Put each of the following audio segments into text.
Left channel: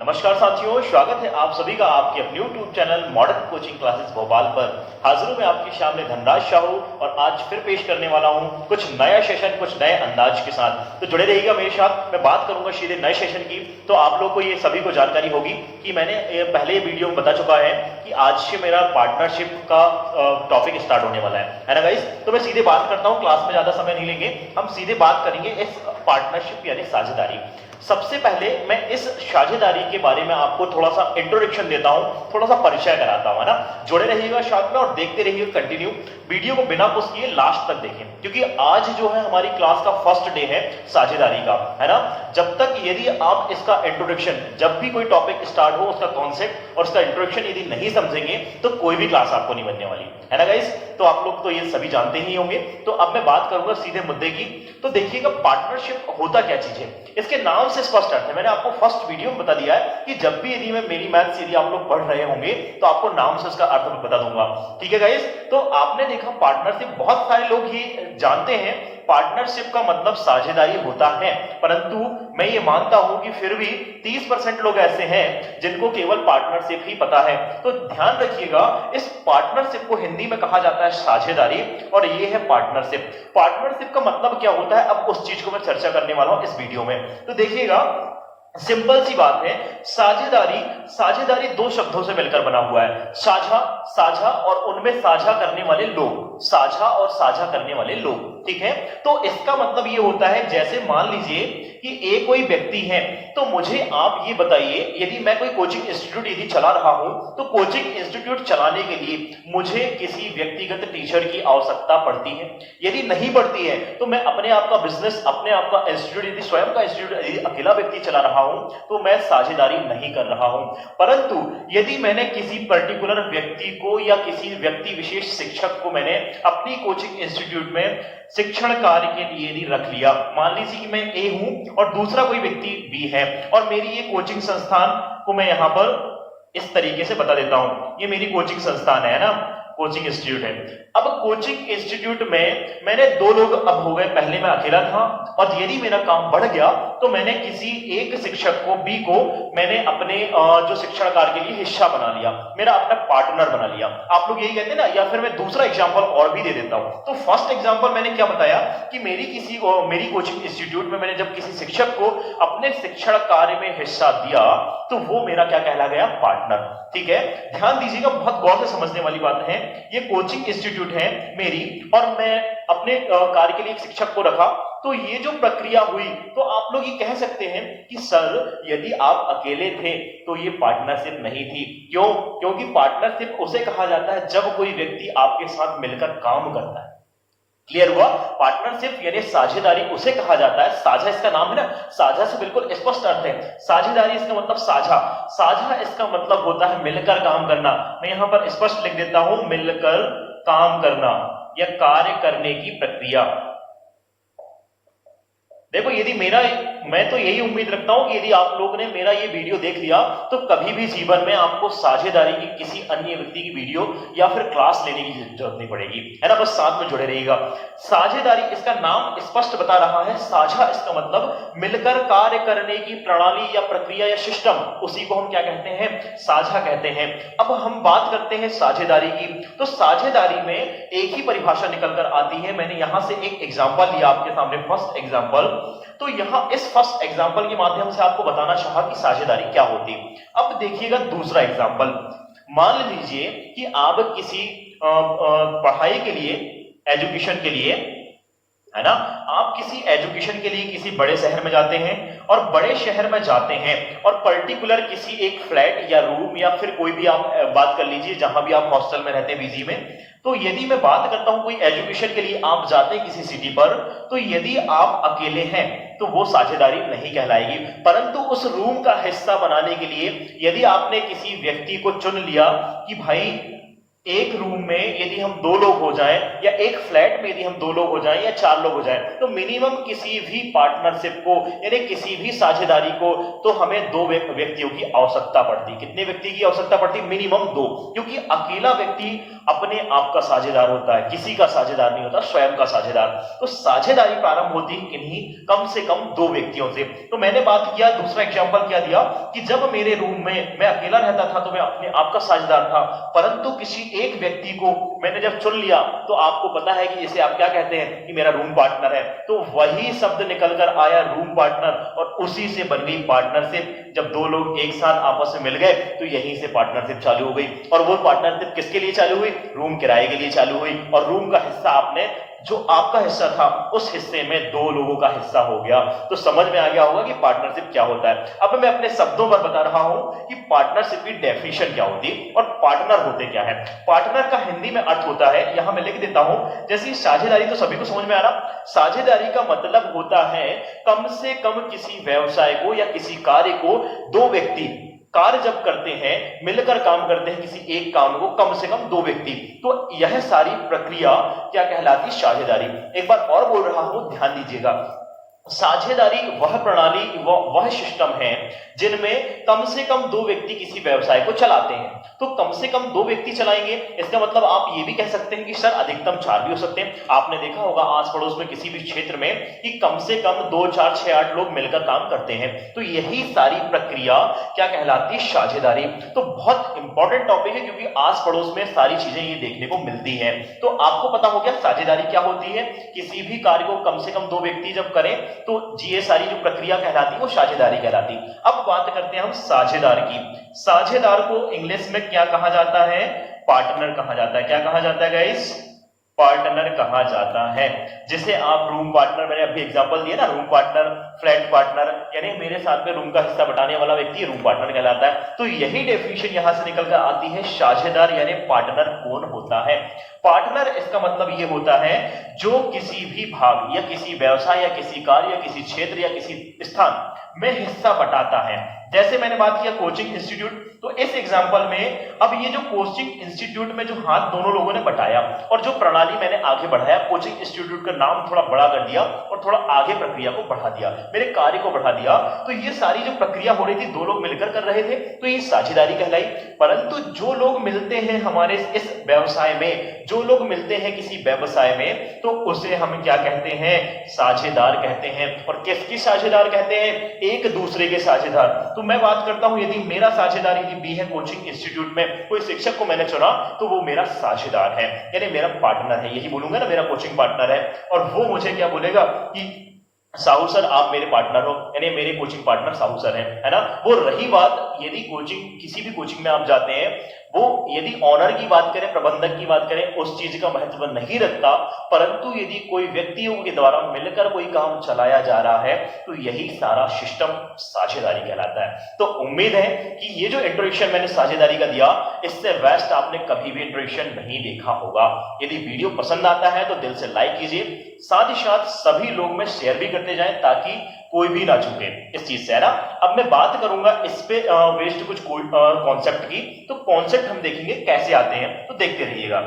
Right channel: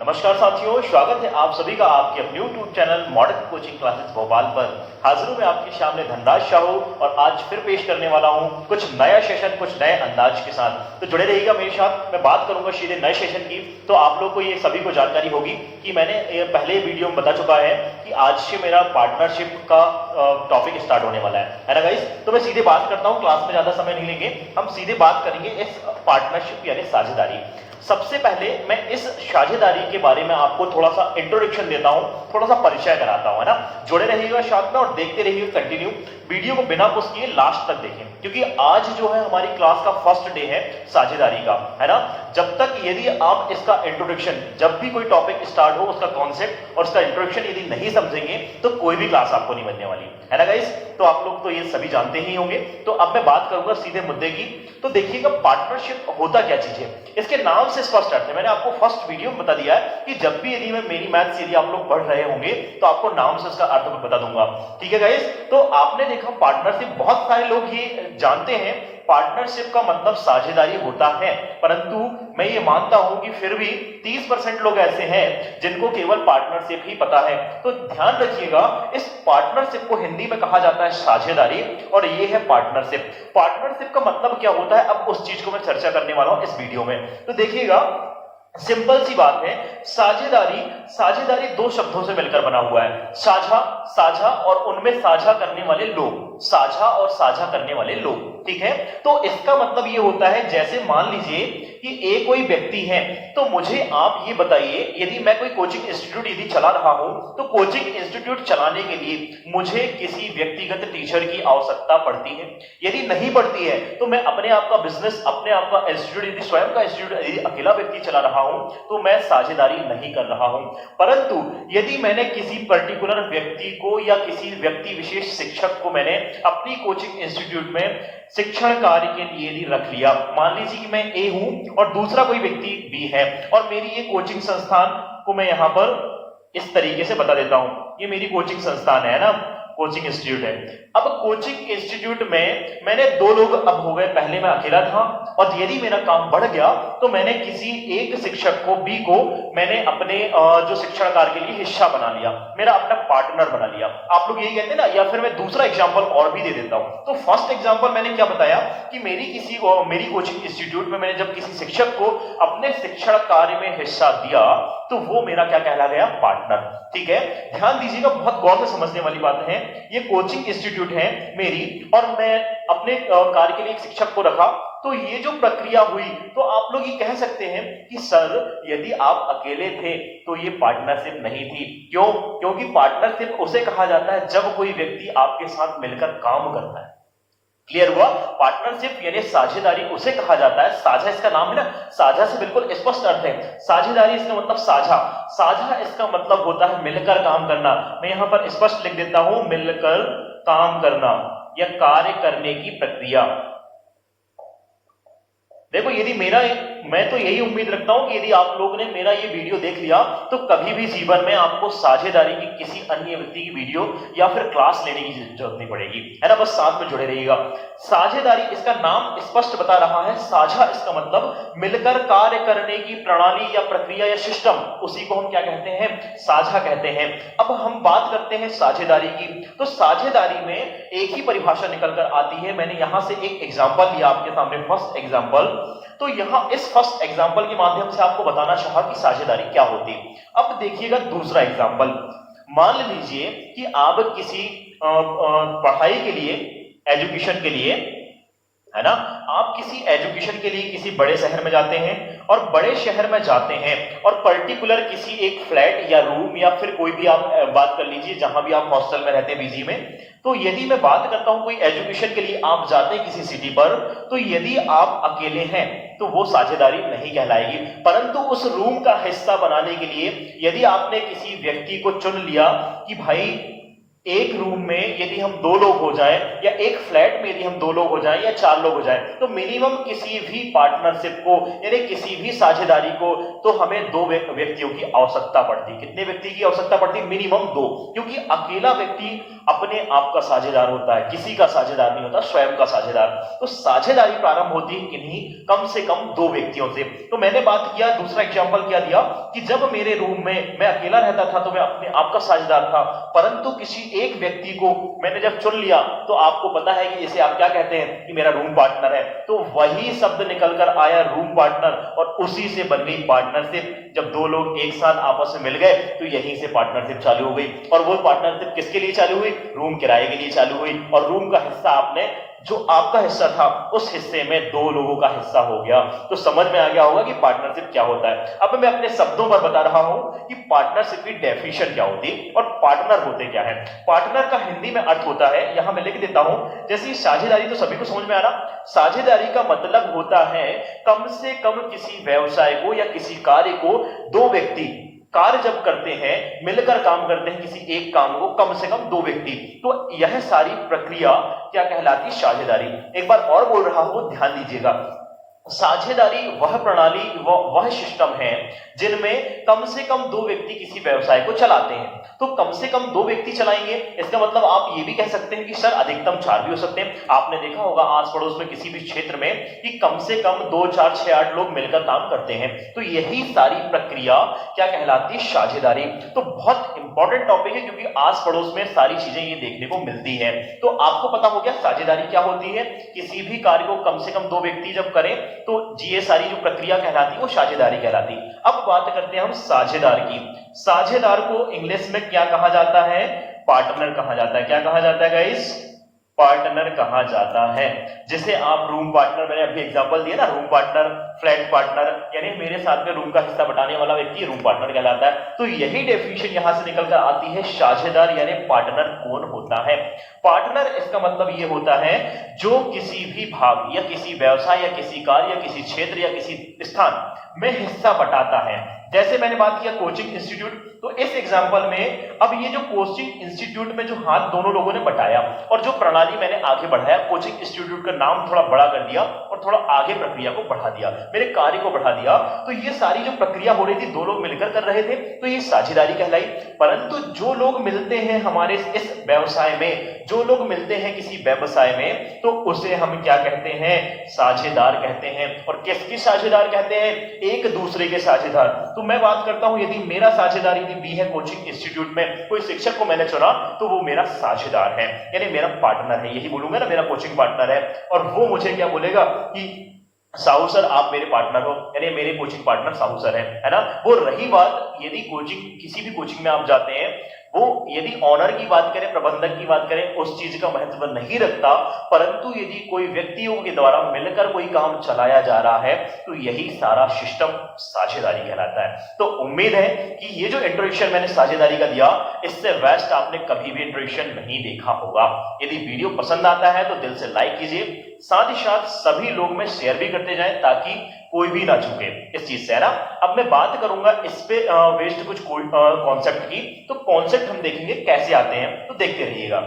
नमस्कार साथियों, स्वागत है आप सभी का आपके अपने YouTube channel modern coaching classes Bhopal पर। हाजिर हूं मैं आपके सामने धनराज शाहू और आज फिर पेश करने वाला हूं कुछ नया सेशन, कुछ नए अंदाज के साथ। तो जुड़े रहिएगा मेरे साथ। मैं बात करूंगा सीधे नए सेशन की। तो आप लोग को ये सभी को जानकारी होगी कि मैंने पहले वीडियो में बता चुका है कि आज से मेरा पार्टनरशिप का टॉपिक स्टार्ट होने वाला है ना गाइस। तो मैं सीधे बात करता हूँ, क्लास में ज्यादा समय नहीं लेंगे, हम सीधे बात करेंगे इस पार्टनरशिप यानी साझेदारी। सबसे पहले मैं इस साझेदारी के बारे में आपको थोड़ा सा इंट्रोडक्शन देता हूं, थोड़ा सा परिचय कराता हूं, है ना। जुड़े रहिएगा साथ में और देखते रहिए कंटिन्यू। वीडियो को बिना पुश किए लास्ट तक देखें, क्योंकि आज जो है हमारी क्लास का फर्स्ट डे है साझेदारी का, है ना। जब तक यदि आप इसका इंट्रोडक्शन, जब भी कोई टॉपिक स्टार्ट हो उसका कॉन्सेप्ट और उसका इंट्रोडक्शन यदि नहीं समझेंगे तो कोई भी क्लास आपको नहीं बनने वाली, है ना गाइस। तो आप लोग तो ये सभी जानते ही होंगे। तो अब मैं बात करूंगा सीधे मुद्दे की। तो देखिएगा पार्टनरशिप होता क्या चीज है, इसके नाम से स्पष्ट अर्थ है। मैंने आपको फर्स्ट वीडियो में बता दिया है कि जब भी यदि मैं मेरी मैथ्स यदि आप लोग पढ़ रहे होंगे तो आपको नाम से उसका अर्थ बता दूंगा, ठीक है गाइस। तो आपने देखा पार्टनरशिप, बहुत सारे लोग ये जानते हैं पार्टनरशिप का मतलब साझेदारी होता है, परंतु मैं ये मानता हूं कि फिर भी 30% लोग ऐसे हैं जिनको केवल पार्टनरशिप ही पता है। तो ध्यान रखिएगा, इस पार्टनरशिप को हिंदी में कहा जाता है साझेदारी और ये है पार्टनरशिप। पार्टनरशिप का मतलब क्या होता है, अब उस चीज को मैं चर्चा करने वाला हूं इस वीडियो में। तो देखिएगा, सिंपल सी बात है, साझेदारी साझेदारी दो शब्दों से मिलकर बना हुआ है। साझा, साझा और उनमें साझा करने वाले लोग, साझा और साझा करने वाले लोग, ठीक है। तो इसका मतलब ये होता है, जैसे मान लीजिए कि एक कोई व्यक्ति है, तो मुझे आप ये बताइए, यदि मैं कोई कोचिंग इंस्टीट्यूट यदि चला रहा हूं तो कोचिंग इंस्टीट्यूट चलाने के लिए मुझे किसी व्यक्तिगत टीचर की आवश्यकता पड़ती है। यदि नहीं पड़ती है तो मैं अपने आप का बिजनेस, अपने आप का इंस्टीट्यूट, यदि स्वयं का इंस्टीट्यूट यदि अकेला व्यक्ति चला रहा हूं तो मैं साझेदारी नहीं कर रहा हूं। परंतु यदि मैंने किसी पर्टिकुलर व्यक्ति को या किसी व्यक्ति विशेष शिक्षक को मैंने अपनी कोचिंग इंस्टीट्यूट में शिक्षण कार्य के लिए यदि रख लिया, मान लीजिए कि मैं ए हूं और दूसरा कोई व्यक्ति बी है, और मेरी ये कोचिंग संस्थान को मैं यहां पर इस तरीके से बता देता हूं, ये मेरी कोचिंग संस्थान है ना, कोचिंग इंस्टीट्यूट है। अब कोचिंग इंस्टीट्यूट में मैंने दो लोग अब हो गए, पहले मैं अकेला था और यदि मेरा काम बढ़ गया तो मैंने किसी एक शिक्षक को, बी को, मैंने अपने जो शिक्षण कार्य के लिए हिस्सा बना लिया, मेरा अपना पार्टनर बना लिया। आप लोग यही कहते हैं ना। या फिर मैं दूसरा एग्जांपल और भी दे देता हूं। तो फर्स्ट एग्जांपल मैंने क्या बताया कि मेरी कोचिंग इंस्टीट्यूट में मैंने जब किसी शिक्षक को अपने शिक्षण कार्य में हिस्सा दिया तो वो मेरा क्या कहला गया, पार्टनर, ठीक है। ध्यान दीजिएगा, बहुत गौर से समझने वाली बात है। ये कोचिंग इंस्टीट्यूट है मेरी और मैं अपने कार्य के लिए एक शिक्षक को रखा, तो ये जो प्रक्रिया हुई, तो आप लोग ये कह सकते हैं कि सर यदि आप अकेले थे तो ये पार्टनरशिप नहीं थी। क्यों? क्योंकि पार्टनरशिप उसे कहा जाता है जब कोई व्यक्ति आपके साथ मिलकर काम करता है। क्लियर हुआ? पार्टनरशिप यानी साझेदारी उसे कहा जाता है, साझा इसका नाम है ना, साझा से बिल्कुल स्पष्ट अर्थ है। साझेदारी इसका मतलब साझा, साझा इसका मतलब होता है मिलकर काम करना। मैं यहां पर स्पष्ट लिख देता हूं, मिलकर काम करना या कार्य करने की प्रक्रिया। देखो, यदि मैं तो यही उम्मीद रखता हूं कि यदि आप लोगों ने मेरा ये वीडियो देख लिया तो कभी भी जीवन में आपको साझेदारी की किसी अन्य व्यक्ति की वीडियो या फिर क्लास लेने की जरूरत नहीं पड़ेगी, है ना। बस साथ में जुड़े रहिएगा। साझेदारी इसका नाम स्पष्ट बता रहा है। साझा इसका मतलब मिलकर कार्य करने की प्रणाली या प्रक्रिया या सिस्टम, उसी को हम क्या कहते हैं, साझा कहते हैं। अब हम बात करते हैं साझेदारी की। तो साझेदारी में एक ही परिभाषा निकल कर आती है। मैंने यहां से एक एग्जाम्पल दिया आपके सामने, फर्स्ट एग्जाम्पल। तो यहां इस फर्स्ट एग्जांपल के माध्यम से आपको बताना चाहा कि साझेदारी क्या होती। अब देखिएगा दूसरा एग्जांपल। मान लीजिए कि आप किसी पढ़ाई के लिए, एजुकेशन के लिए, है ना, आप किसी एजुकेशन के लिए किसी बड़े शहर में जाते हैं और बड़े शहर में जाते हैं और पर्टिकुलर किसी एक फ्लैट या रूम या फिर कोई भी आप बात कर लीजिए जहां भी आप हॉस्टल में रहते हैं, पीजी में। तो यदि मैं बात करता हूं कोई एजुकेशन के लिए आप जाते हैं किसी सिटी पर, तो यदि आप अकेले हैं तो वो साझेदारी नहीं कहलाएगी। परंतु उस रूम का हिस्सा बनाने के लिए यदि आपने किसी व्यक्ति को चुन लिया कि भाई एक रूम में यदि हम दो लोग हो जाएं या एक फ्लैट में यदि हम दो लोग हो जाएं या चार लोग हो जाएं, तो मिनिमम किसी भी पार्टनरशिप को यानी किसी भी साझेदारी को तो हमें दो व्यक्तियों की आवश्यकता पड़ती। कितने व्यक्ति की आवश्यकता पड़ती? मिनिमम दो, क्योंकि अकेला व्यक्ति अपने आप का साझेदार होता है, किसी का साझेदार नहीं होता, स्वयं का साझेदार। तो साझेदारी प्रारंभ होती है इन्हीं कम से कम दो व्यक्तियों से। तो मैंने बात किया, दूसरा एग्जांपल क्या दिया कि जब मेरे रूम में मैं अकेला रहता था तो मैं अपने आप का साझेदार था, परंतु किसी एक व्यक्ति को मैंने जब चुन लिया तो आपको पता है कि इसे आप क्या कहते हैं कि मेरा रूम पार्टनर है। तो वही शब्द निकलकर आया रूम पार्टनर, और उसी से बन गई पार्टनरशिप। जब दो लोग एक साथ आपस में मिल गए तो यहीं से पार्टनरशिप चालू हो गई। और वो पार्टनरशिप किसके लिए चालू हुई? रूम किराए के लिए चालू हुई। और रूम का हिस्सा आपने, जो आपका हिस्सा था उस हिस्से में दो लोगों का हिस्सा हो गया। तो समझ में आ गया होगा कि पार्टनरशिप क्या होता है। अब मैं अपने शब्दों पर बता रहा हूं कि पार्टनरशिप की डेफिनेशन क्या होती है और पार्टनर होते क्या है। पार्टनर का हिंदी में अर्थ होता है, यहां मैं लिख देता हूं, जैसे साझेदारी तो सभी को समझ में आ रहा। साझेदारी का मतलब होता है कम से कम किसी व्यवसाय को या किसी कार्य को दो व्यक्ति कार्य जब करते हैं, मिलकर काम करते हैं किसी एक काम को, कम से कम दो व्यक्ति, तो यह सारी प्रक्रिया क्या कहलाती? साझेदारी। एक बार और बोल रहा हूं, ध्यान दीजिएगा। साझेदारी वह प्रणाली, वह सिस्टम है जिनमें कम से कम दो व्यक्ति किसी व्यवसाय को चलाते हैं। तो कम से कम दो व्यक्ति चलाएंगे, इसका मतलब आप ये भी कह सकते हैं कि सर अधिकतम चार भी हो सकते हैं। आपने देखा होगा आस पड़ोस में किसी भी क्षेत्र में कि कम से कम 2, 4, 6, 8 लोग मिलकर काम करते हैं। तो यही सारी प्रक्रिया क्या कहलाती है? साझेदारी। तो बहुत इंपॉर्टेंट टॉपिक है क्योंकि आस पड़ोस में सारी चीजें ये देखने को मिलती है। तो आपको पता हो गया साझेदारी क्या होती है। किसी भी कार्य को कम से कम दो व्यक्ति जब करें तो ये सारी जो प्रक्रिया कहलाती है वो साझेदारी कहलाती है। अब बात करते हैं हम साझेदार की। साझेदार को इंग्लिश में क्या कहा जाता है? पार्टनर कहा जाता है। क्या कहा जाता है गाइस? पार्टनर कहा जाता है। जैसे आप रूम पार्टनर, मैंने अभी एग्जांपल दिया ना, रूम पार्टनर, फ्लैट पार्टनर, यानी मेरे साथ में रूम का हिस्सा बटाने वाला व्यक्ति रूम पार्टनर कहलाता है। तो यही डेफिनेशन यहां से निकलकर आती है, साझेदार यानी पार्टनर कौन होता है? पार्टनर इसका मतलब ये होता है जो किसी भी भाग या किसी व्यवसाय या किसी कार्य या किसी क्षेत्र या किसी स्थान में हिस्सा बटाता है। जैसे मैंने बात किया कोचिंग इंस्टीट्यूट, तो इस एग्जांपल में अब ये जो कोचिंग इंस्टीट्यूट में जो हाथ दोनों लोगों ने बटाया और जो प्रणाली मैंने आगे बढ़ाया, कोचिंग इंस्टीट्यूट का नाम थोड़ा बड़ा कर दिया और थोड़ा आगे प्रक्रिया को बढ़ा दिया, मेरे कार्य को बढ़ा दिया, तो ये सारी जो प्रक्रिया हो रही थी दो लोग मिलकर कर रहे थे, तो ये साझेदारी कहलाई। परंतु जो लोग मिलते हैं हमारे इस व्यवसाय में, जो लोग मिलते हैं किसी व्यवसाय में, तो उसे हम क्या कहते हैं? साझेदार कहते हैं। और किसकी साझेदार कहते हैं? एक दूसरे के साझेदार। तो मैं बात करता हूं, यदि मेरा साझेदार यदि बी है कोचिंग इंस्टीट्यूट में, कोई शिक्षक को मैंने चुना तो वो मेरा साझेदार है, यानी मेरा पार्टनर है। यही बोलूंगा ना, मेरा कोचिंग पार्टनर है। और वो मुझे क्या बोलेगा कि साहू सर आप मेरे पार्टनर हो, यानी मेरे कोचिंग पार्टनर साहू सर है ना। वो रही बात, यदि कोचिंग, किसी भी कोचिंग में आप जाते हैं, वो यदि ऑनर की बात करें, प्रबंधक की बात करें, उस चीज का महत्व नहीं रखता, परंतु यदि कोई व्यक्तियों के द्वारा मिलकर कोई काम चलाया जा रहा है तो यही सारा सिस्टम साझेदारी कहलाता है। तो उम्मीद है कि ये जो इंट्रोडक्शन मैंने साझेदारी का दिया, इससे बेस्ट आपने कभी भी इंट्रोडक्शन नहीं देखा होगा। यदि वीडियो पसंद आता है तो दिल से लाइक कीजिए, साथ ही साथ सभी लोग में शेयर भी करते जाएं ताकि कोई भी ना चूके इस चीज से, है ना। अब मैं बात करूंगा इस पे वेस्ट कुछ कॉन्सेप्ट की, तो कॉन्सेप्ट हम देखेंगे कैसे आते हैं, तो देखते रहिएगा।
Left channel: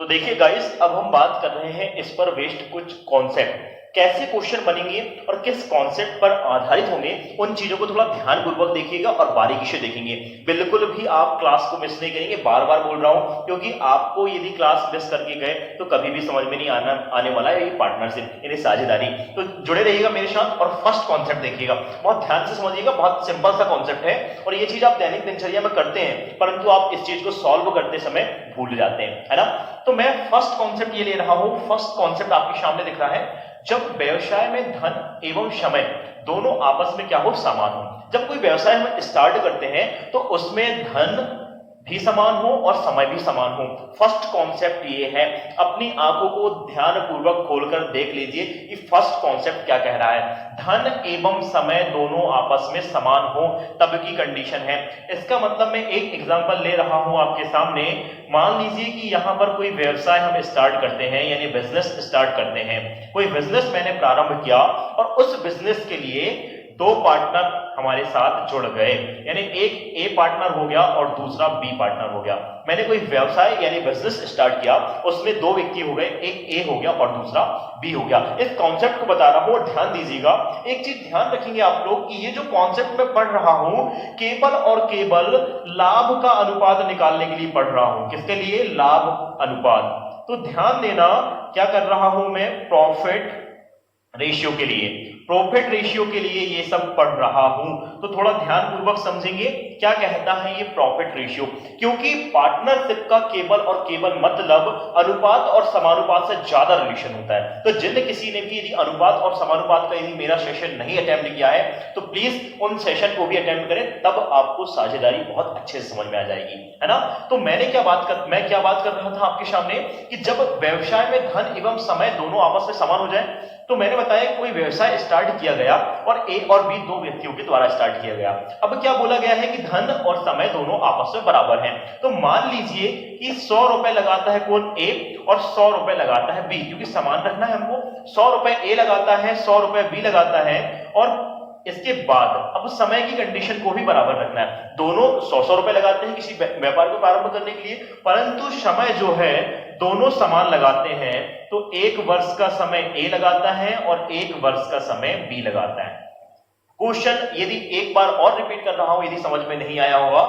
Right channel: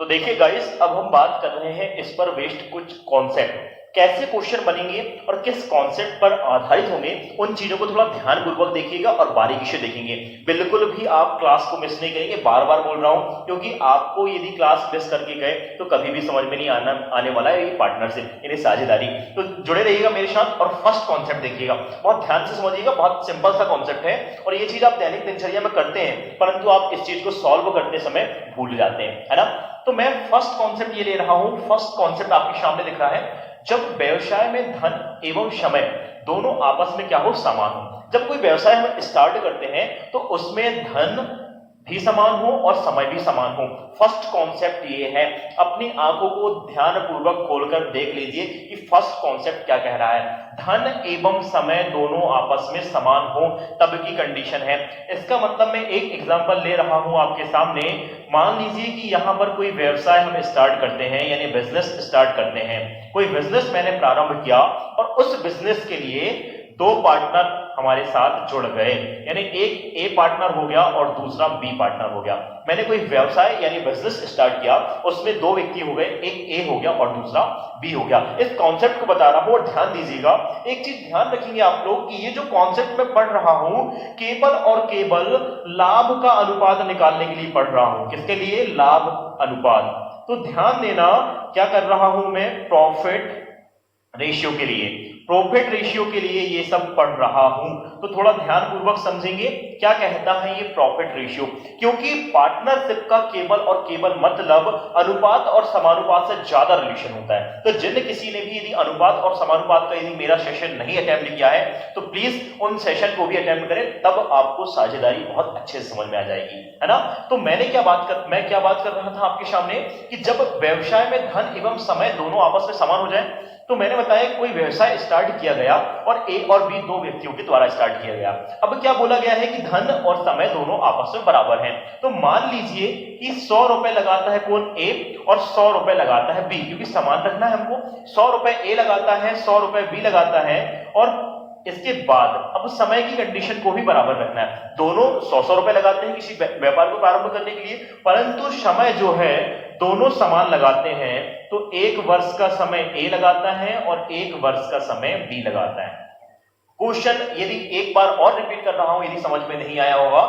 तो देखिए गाइस, अब हम बात कर रहे हैं इस पर वेस्ट कुछ कॉन्सेप्ट, कैसे क्वेश्चन बनेंगे और किस कॉन्सेप्ट पर आधारित होंगे, उन चीजों को थोड़ा ध्यानपूर्वक देखिएगा और बारीकी से देखेंगे। बिल्कुल भी आप क्लास को मिस नहीं करेंगे, बार बार बोल रहा हूं, क्योंकि आपको यदि क्लास मिस करके गए तो कभी भी समझ में नहीं आने वाला है ये पार्टनरशिप, यानी साझेदारी। तो जुड़े रहिएगा मेरे साथ और फर्स्ट कॉन्सेप्ट देखिएगा, बहुत ध्यान से समझिएगा। बहुत सिंपल सा कॉन्सेप्ट है और ये चीज आप दैनिक दिनचर्या में करते हैं, परंतु आप इस चीज को सॉल्व करते समय भूल जाते हैं, है ना। तो मैं फर्स्ट कॉन्सेप्ट ये ले रहा हूं, फर्स्ट कॉन्सेप्ट आपके सामने दिख रहा है, जब व्यवसाय में धन एवं समय दोनों आपस में क्या हो? समान हो। जब कोई व्यवसाय हम स्टार्ट करते हैं तो उसमें धन भी समान हो और समय भी समान हो। फर्स्ट कॉन्सेप्ट ये है, अपनी आंखों को ध्यानपूर्वक खोलकर देख लीजिए कि फर्स्ट कॉन्सेप्ट क्या कह रहा है। धन एवं समय दोनों आपस में समान हो तब की कंडीशन है। इसका मतलब मैं एक एग्जांपल ले रहा हूं आपके सामने। मान लीजिए कि यहां पर कोई व्यवसाय हम स्टार्ट करते हैं, यानी बिजनेस स्टार्ट करते हैं। कोई बिजनेस मैंने प्रारंभ किया और उस बिजनेस के लिए दो पार्टनर हमारे साथ जुड़ गए, यानी एक ए पार्टनर हो गया और दूसरा बी पार्टनर हो गया। मैंने कोई व्यवसाय यानी बिजनेस स्टार्ट किया, उसमें दो व्यक्ति हो गए, एक ए हो गया और दूसरा बी हो गया। इस कॉन्सेप्ट को बता रहा हूं और ध्यान दीजिएगा, एक चीज ध्यान रखेंगे आप लोग कि ये जो कॉन्सेप्ट मैं पढ़ रहा हूं केवल और केवल लाभ का अनुपात निकालने के लिए पढ़ रहा हूं। किसके लिए? लाभ अनुपात। तो ध्यान देना, क्या कर रहा हूं मैं? प्रॉफिट रेशियो के लिए, प्रॉफिट रेशियो के लिए ये सब पढ़ रहा हूं। तो थोड़ा ध्यान पूर्वक समझेंगे क्या कहता है ये प्रॉफिट रेशियो, क्योंकि पार्टनरशिप का केवल और केवल मतलब अनुपात और समानुपात से ज्यादा रिलेशन होता है। तो जिन किसी ने भी यदि अनुपात और समानुपात का यदि मेरा सेशन नहीं अटेम्प्ट किया है तो प्लीज उन सेशन को भी अटेम्प्ट करें, तब आपको साझेदारी बहुत अच्छे से समझ में आ जाएगी, है ना। तो मैं क्या बात कर रहा था आपके सामने कि जब व्यवसाय में धन एवं समय दोनों आपस में समान हो जाए, तो मैंने बताया कोई व्यवसाय स्टार्ट किया गया और ए और बी दो व्यक्तियों के द्वारा स्टार्ट किया गया। अब क्या बोला गया है कि धन और समय दोनों आपस में बराबर हैं। तो मान लीजिए कि 100 रुपए लगाता है कौन? ए, और 100 रुपए लगाता है बी, क्योंकि समान रखना है हमको। 100 रुपए ए लगाता है, 100 रुपए बी लगाता है, और इसके बाद अब समय की कंडीशन को भी बराबर रखना है। दोनों 100 रुपए लगाते हैं किसी व्यापार को प्रारंभ करने के लिए, परंतु समय जो है दोनों समान लगाते हैं। तो 1 वर्ष का समय ए लगाता है और 1 वर्ष का समय बी लगाता है। क्वेश्चन यदि एक बार और रिपीट कर रहा हूं, यदि समझ में नहीं आया होगा,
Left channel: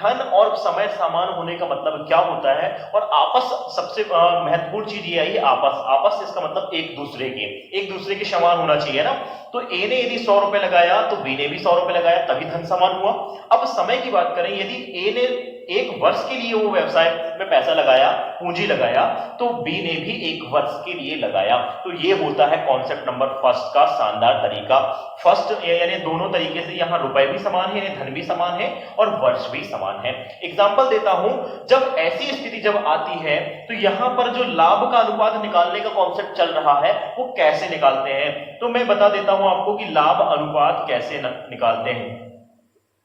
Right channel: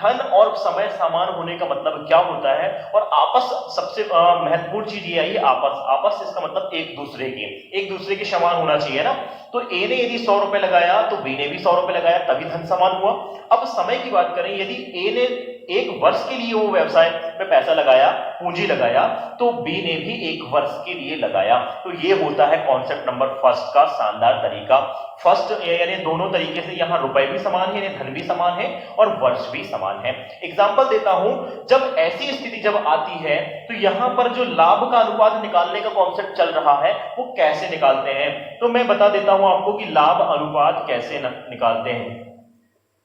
धन और समय समान होने का मतलब क्या होता है, और आपस सबसे महत्वपूर्ण चीज ये आई, आपस इसका मतलब एक दूसरे के समान होना चाहिए ना। तो ए ने यदि 100 रुपए लगाया तो बी ने भी 100 रुपए लगाया, तभी धन समान हुआ। अब समय की बात करें, यदि ए ने 1 वर्ष के लिए वो व्यवसाय में पैसा लगाया, पूंजी लगाया, तो बी ने भी 1 वर्ष के लिए लगाया। तो ये होता है कॉन्सेप्ट नंबर फर्स्ट का शानदार तरीका। फर्स्ट यानी दोनों तरीके से, यहां रुपए भी समान है, धन भी समान है और वर्ष भी समान है। एग्जाम्पल देता हूं, जब ऐसी स्थिति जब आती है तो यहां पर जो लाभ का अनुपात निकालने का कॉन्सेप्ट चल रहा है वो कैसे निकालते हैं, तो मैं बता देता हूं आपको कि लाभ अनुपात कैसे निकालते हैं,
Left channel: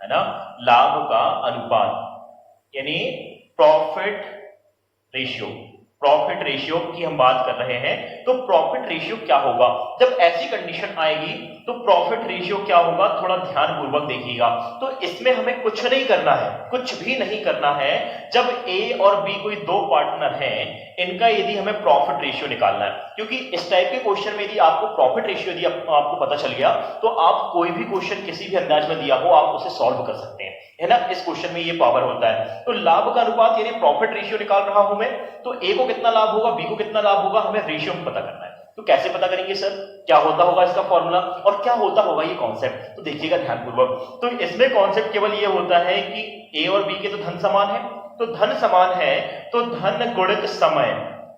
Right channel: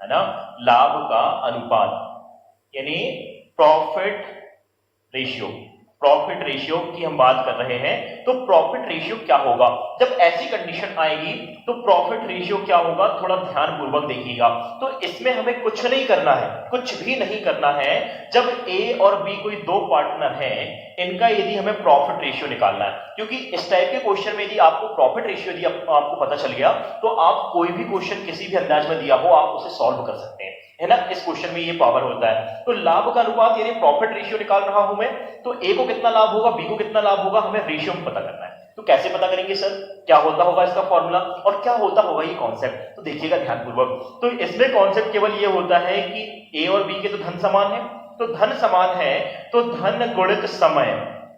है ना। लाभ का अनुपात यानी प्रॉफिट रेशियो की हम बात कर रहे हैं। तो प्रॉफिट रेशियो क्या होगा जब ऐसी कंडीशन आएगी, तो प्रॉफिट रेशियो क्या होगा, थोड़ा ध्यान पूर्वक देखिएगा। तो इसमें हमें कुछ नहीं करना है, कुछ भी नहीं करना है। जब ए और बी कोई दो पार्टनर हैं, इनका यदि हमें प्रॉफिट रेशियो निकालना है, क्योंकि इस टाइप के क्वेश्चन में यदि आपको प्रॉफिट रेशियो यदि आपको पता चल गया तो आप कोई भी क्वेश्चन किसी भी अंदाज में दिया हो आप उसे सॉल्व कर सकते हैं, है ना। इस क्वेश्चन में ये पावर होता है। तो लाभ का अनुपात यानी प्रॉफिट रेशियो निकाल रहा हूं मैं, तो ए को कितना लाभ होगा, बी को कितना लाभ होगा, हमें रेशियो में पता करना है। तो कैसे पता करेंगे सर, क्या होता होगा इसका फॉर्मूला और क्या होता होगा ये कॉन्सेप्ट, तो देखिएगा ध्यानपूर्वक। तो इसमें कॉन्सेप्ट केवल ये होता है कि ए और बी के तो धन समान है, तो धन समान है तो धन गुणित समय,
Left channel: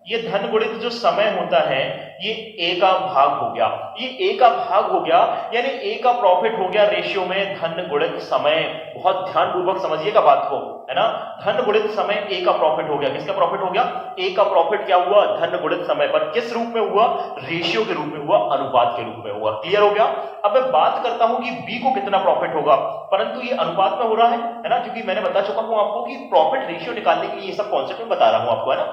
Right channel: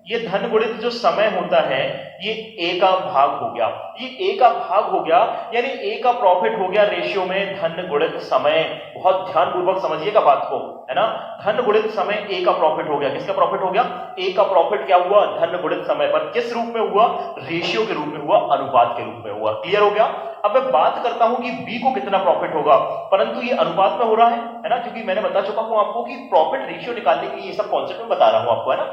ये धन गुणित जो समय होता है ये ए का भाग हो गया, ये ए का भाग हो गया, यानी ए का प्रॉफिट हो गया रेशियो में धन गुणित समय। बहुत ध्यानपूर्वक समझिएगा बात को, है ना। धन गुणित समय ए का प्रॉफिट हो गया, किसका प्रॉफिट हो गया, ए का प्रॉफिट क्या हुआ, धन गुणित समय पर। किस रूप में हुआ, रेशियो के रूप में हुआ, अनुपात के रूप में हुआ। क्लियर हो गया। अब मैं बात करता हूं कि बी को कितना प्रॉफिट होगा, परंतु ये अनुपात में हो रहा है ना, क्योंकि मैंने बता चुका हूं आपको कि प्रॉफिट रेशियो निकालने के लिए ये सब कॉन्सेप्ट में बता रहा हूं आपको, है ना।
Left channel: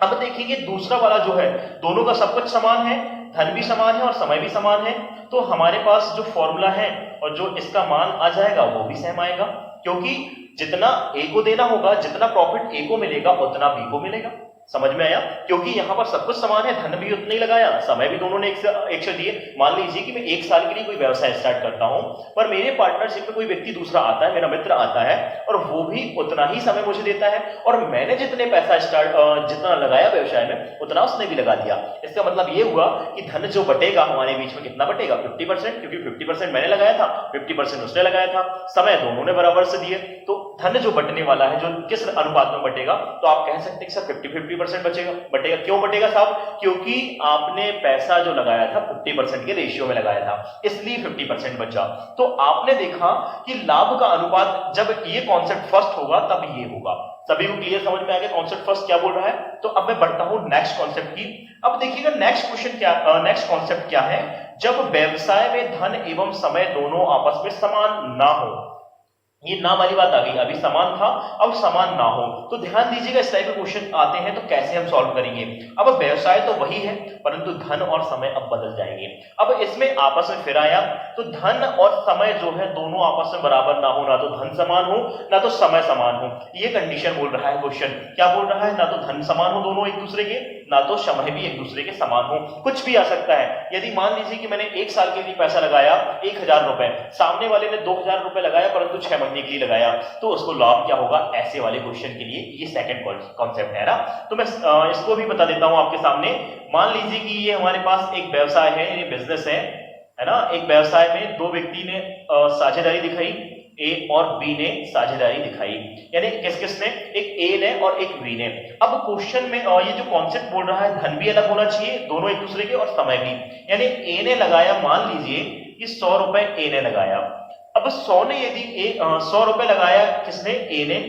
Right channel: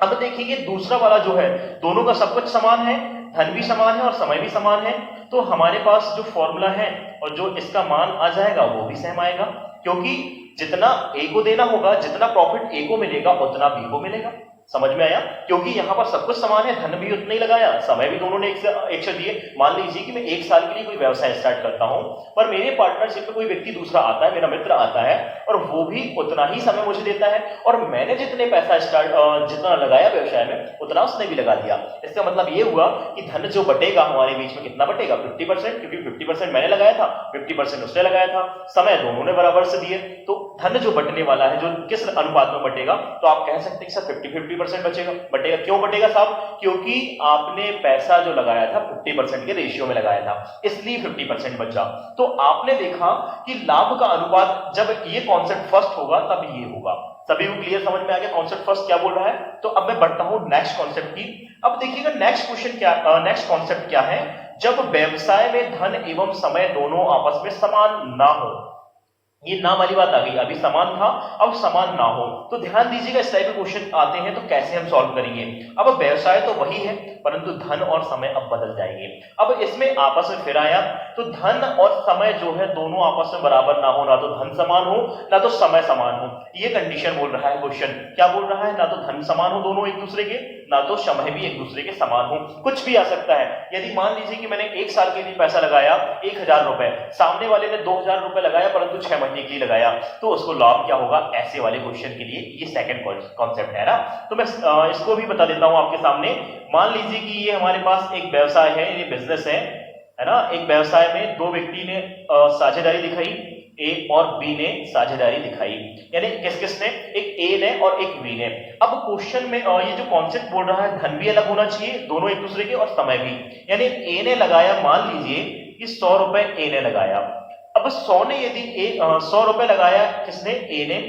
अब देखिए दूसरा वाला जो है, दोनों का सब कुछ समान है, धन भी समान है और समय भी समान है। तो हमारे पास जो फॉर्मूला है और जो इसका मान आ जाएगा वो भी सेम आएगा, क्योंकि जितना ए को देना होगा, जितना प्रॉफिट ए को मिलेगा उतना बी को मिलेगा। समझ में आया, क्योंकि यहां पर सब कुछ समान है, धन भी उतना ही लगाया, समय भी दोनों ने एक से दिए। मान लीजिए कि मैं 1 साल के लिए कोई व्यवसाय स्टार्ट करता हूं, पर मेरे पार्टनरशिप में कोई व्यक्ति दूसरा आता है, मेरा मित्र आता है और वो भी उतना ही समय मुझे देता है, और मैंने जितने पैसा जितना लगाया व्यवसाय में उतना उसने भी लगा दिया। इसका मतलब ये हुआ कि धन जो बटेगा हमारे बीच में कितना बटेगा, 50%, क्योंकि 50% मैंने लगाया था, 50% उसने लगाया था, समय दोनों ने बराबर से दिए। तो धन जो बटने वाला है, जो किस अनुपात में बटेगा, तो आप कह सकते हैं सर 50-50% बटेगा। क्यों बटेगा साहब, क्योंकि आपने पैसा जो लगाया था 50% के रेशियो में लगाया था, इसलिए 50% बचा। तो आपने देखा कि लाभ का अनुपात जब ये कॉन्सेप्ट फर्स्ट होगा तब ये होगा। सभी को क्लियर समझ में आ गया कॉन्सेप्ट फर्स्ट क्या बोल रहा है। तो अब मैं बढ़ता हूं नेक्स्ट कॉन्सेप्ट की। अब देखिएगा नेक्स्ट क्वेश्चन क्या, नेक्स्ट कॉन्सेप्ट क्या है, जब व्यवसाय में धन एवं समय दोनों आपस में समान ना हो, ये ना वाली बात आ गई, अभी समान था अब समान ना हो। तो ध्यान दीजिएगा इस टाइप के क्वेश्चन आते हैं तो कैसे हम सॉल्व करेंगे। अब व्यवसाय तो वही है परंतु धन और समय अब बदल जाएंगे। अब इसमें आपस में फिर आया तो धन और समय जो है दोनों आपस में बराबर ना हो, ना तो धन समान हो ना तो समय समान हो। ये कंडीशन बोल रहा है क्वेश्चन, क्या बोल रहा है, ना तो धन समान हो दोनों एक दूसरे के, ना तो समय भी एक दूसरे के समान हो। कुछ भी आ सकता है। यदि मान लीजिए कि मैंने 1 साल के लिए पैसा लगाया 1000 रुपए, सामने वाले ने 2000 रुपए लगाया परंतु 6 महीने के लिए लगाया, तो उसको लाभ क्या होगा। ऐसे वाले क्वेश्चन के लिए ये सेकंड कॉन्सेप्ट है ना। तो मैं इसको भी बता देता हूं आपके सामने। मान लीजिए कि ये हमारे पास एक व्यवसाय है, ये बिजनेस है ना। एक व्यवसाय में दो व्यक्ति ने साझेदारी दिखाई, ए और बी ने साझेदारी दिखाई, यानी किस किस ने, एक ए ने और एक बी ने। अब क्वेश्चन में ये जो कॉन्सेप्ट बोल रहा है धन भी अलग होना चाहिए दोनों एक दूसरे के और समय भी, यानी ए ने लगाया, मान लीजिए कि 100 रुपए ए ने लगाया। अब 100 ने यदि 100 रुपए लगाया किसने, ए ने,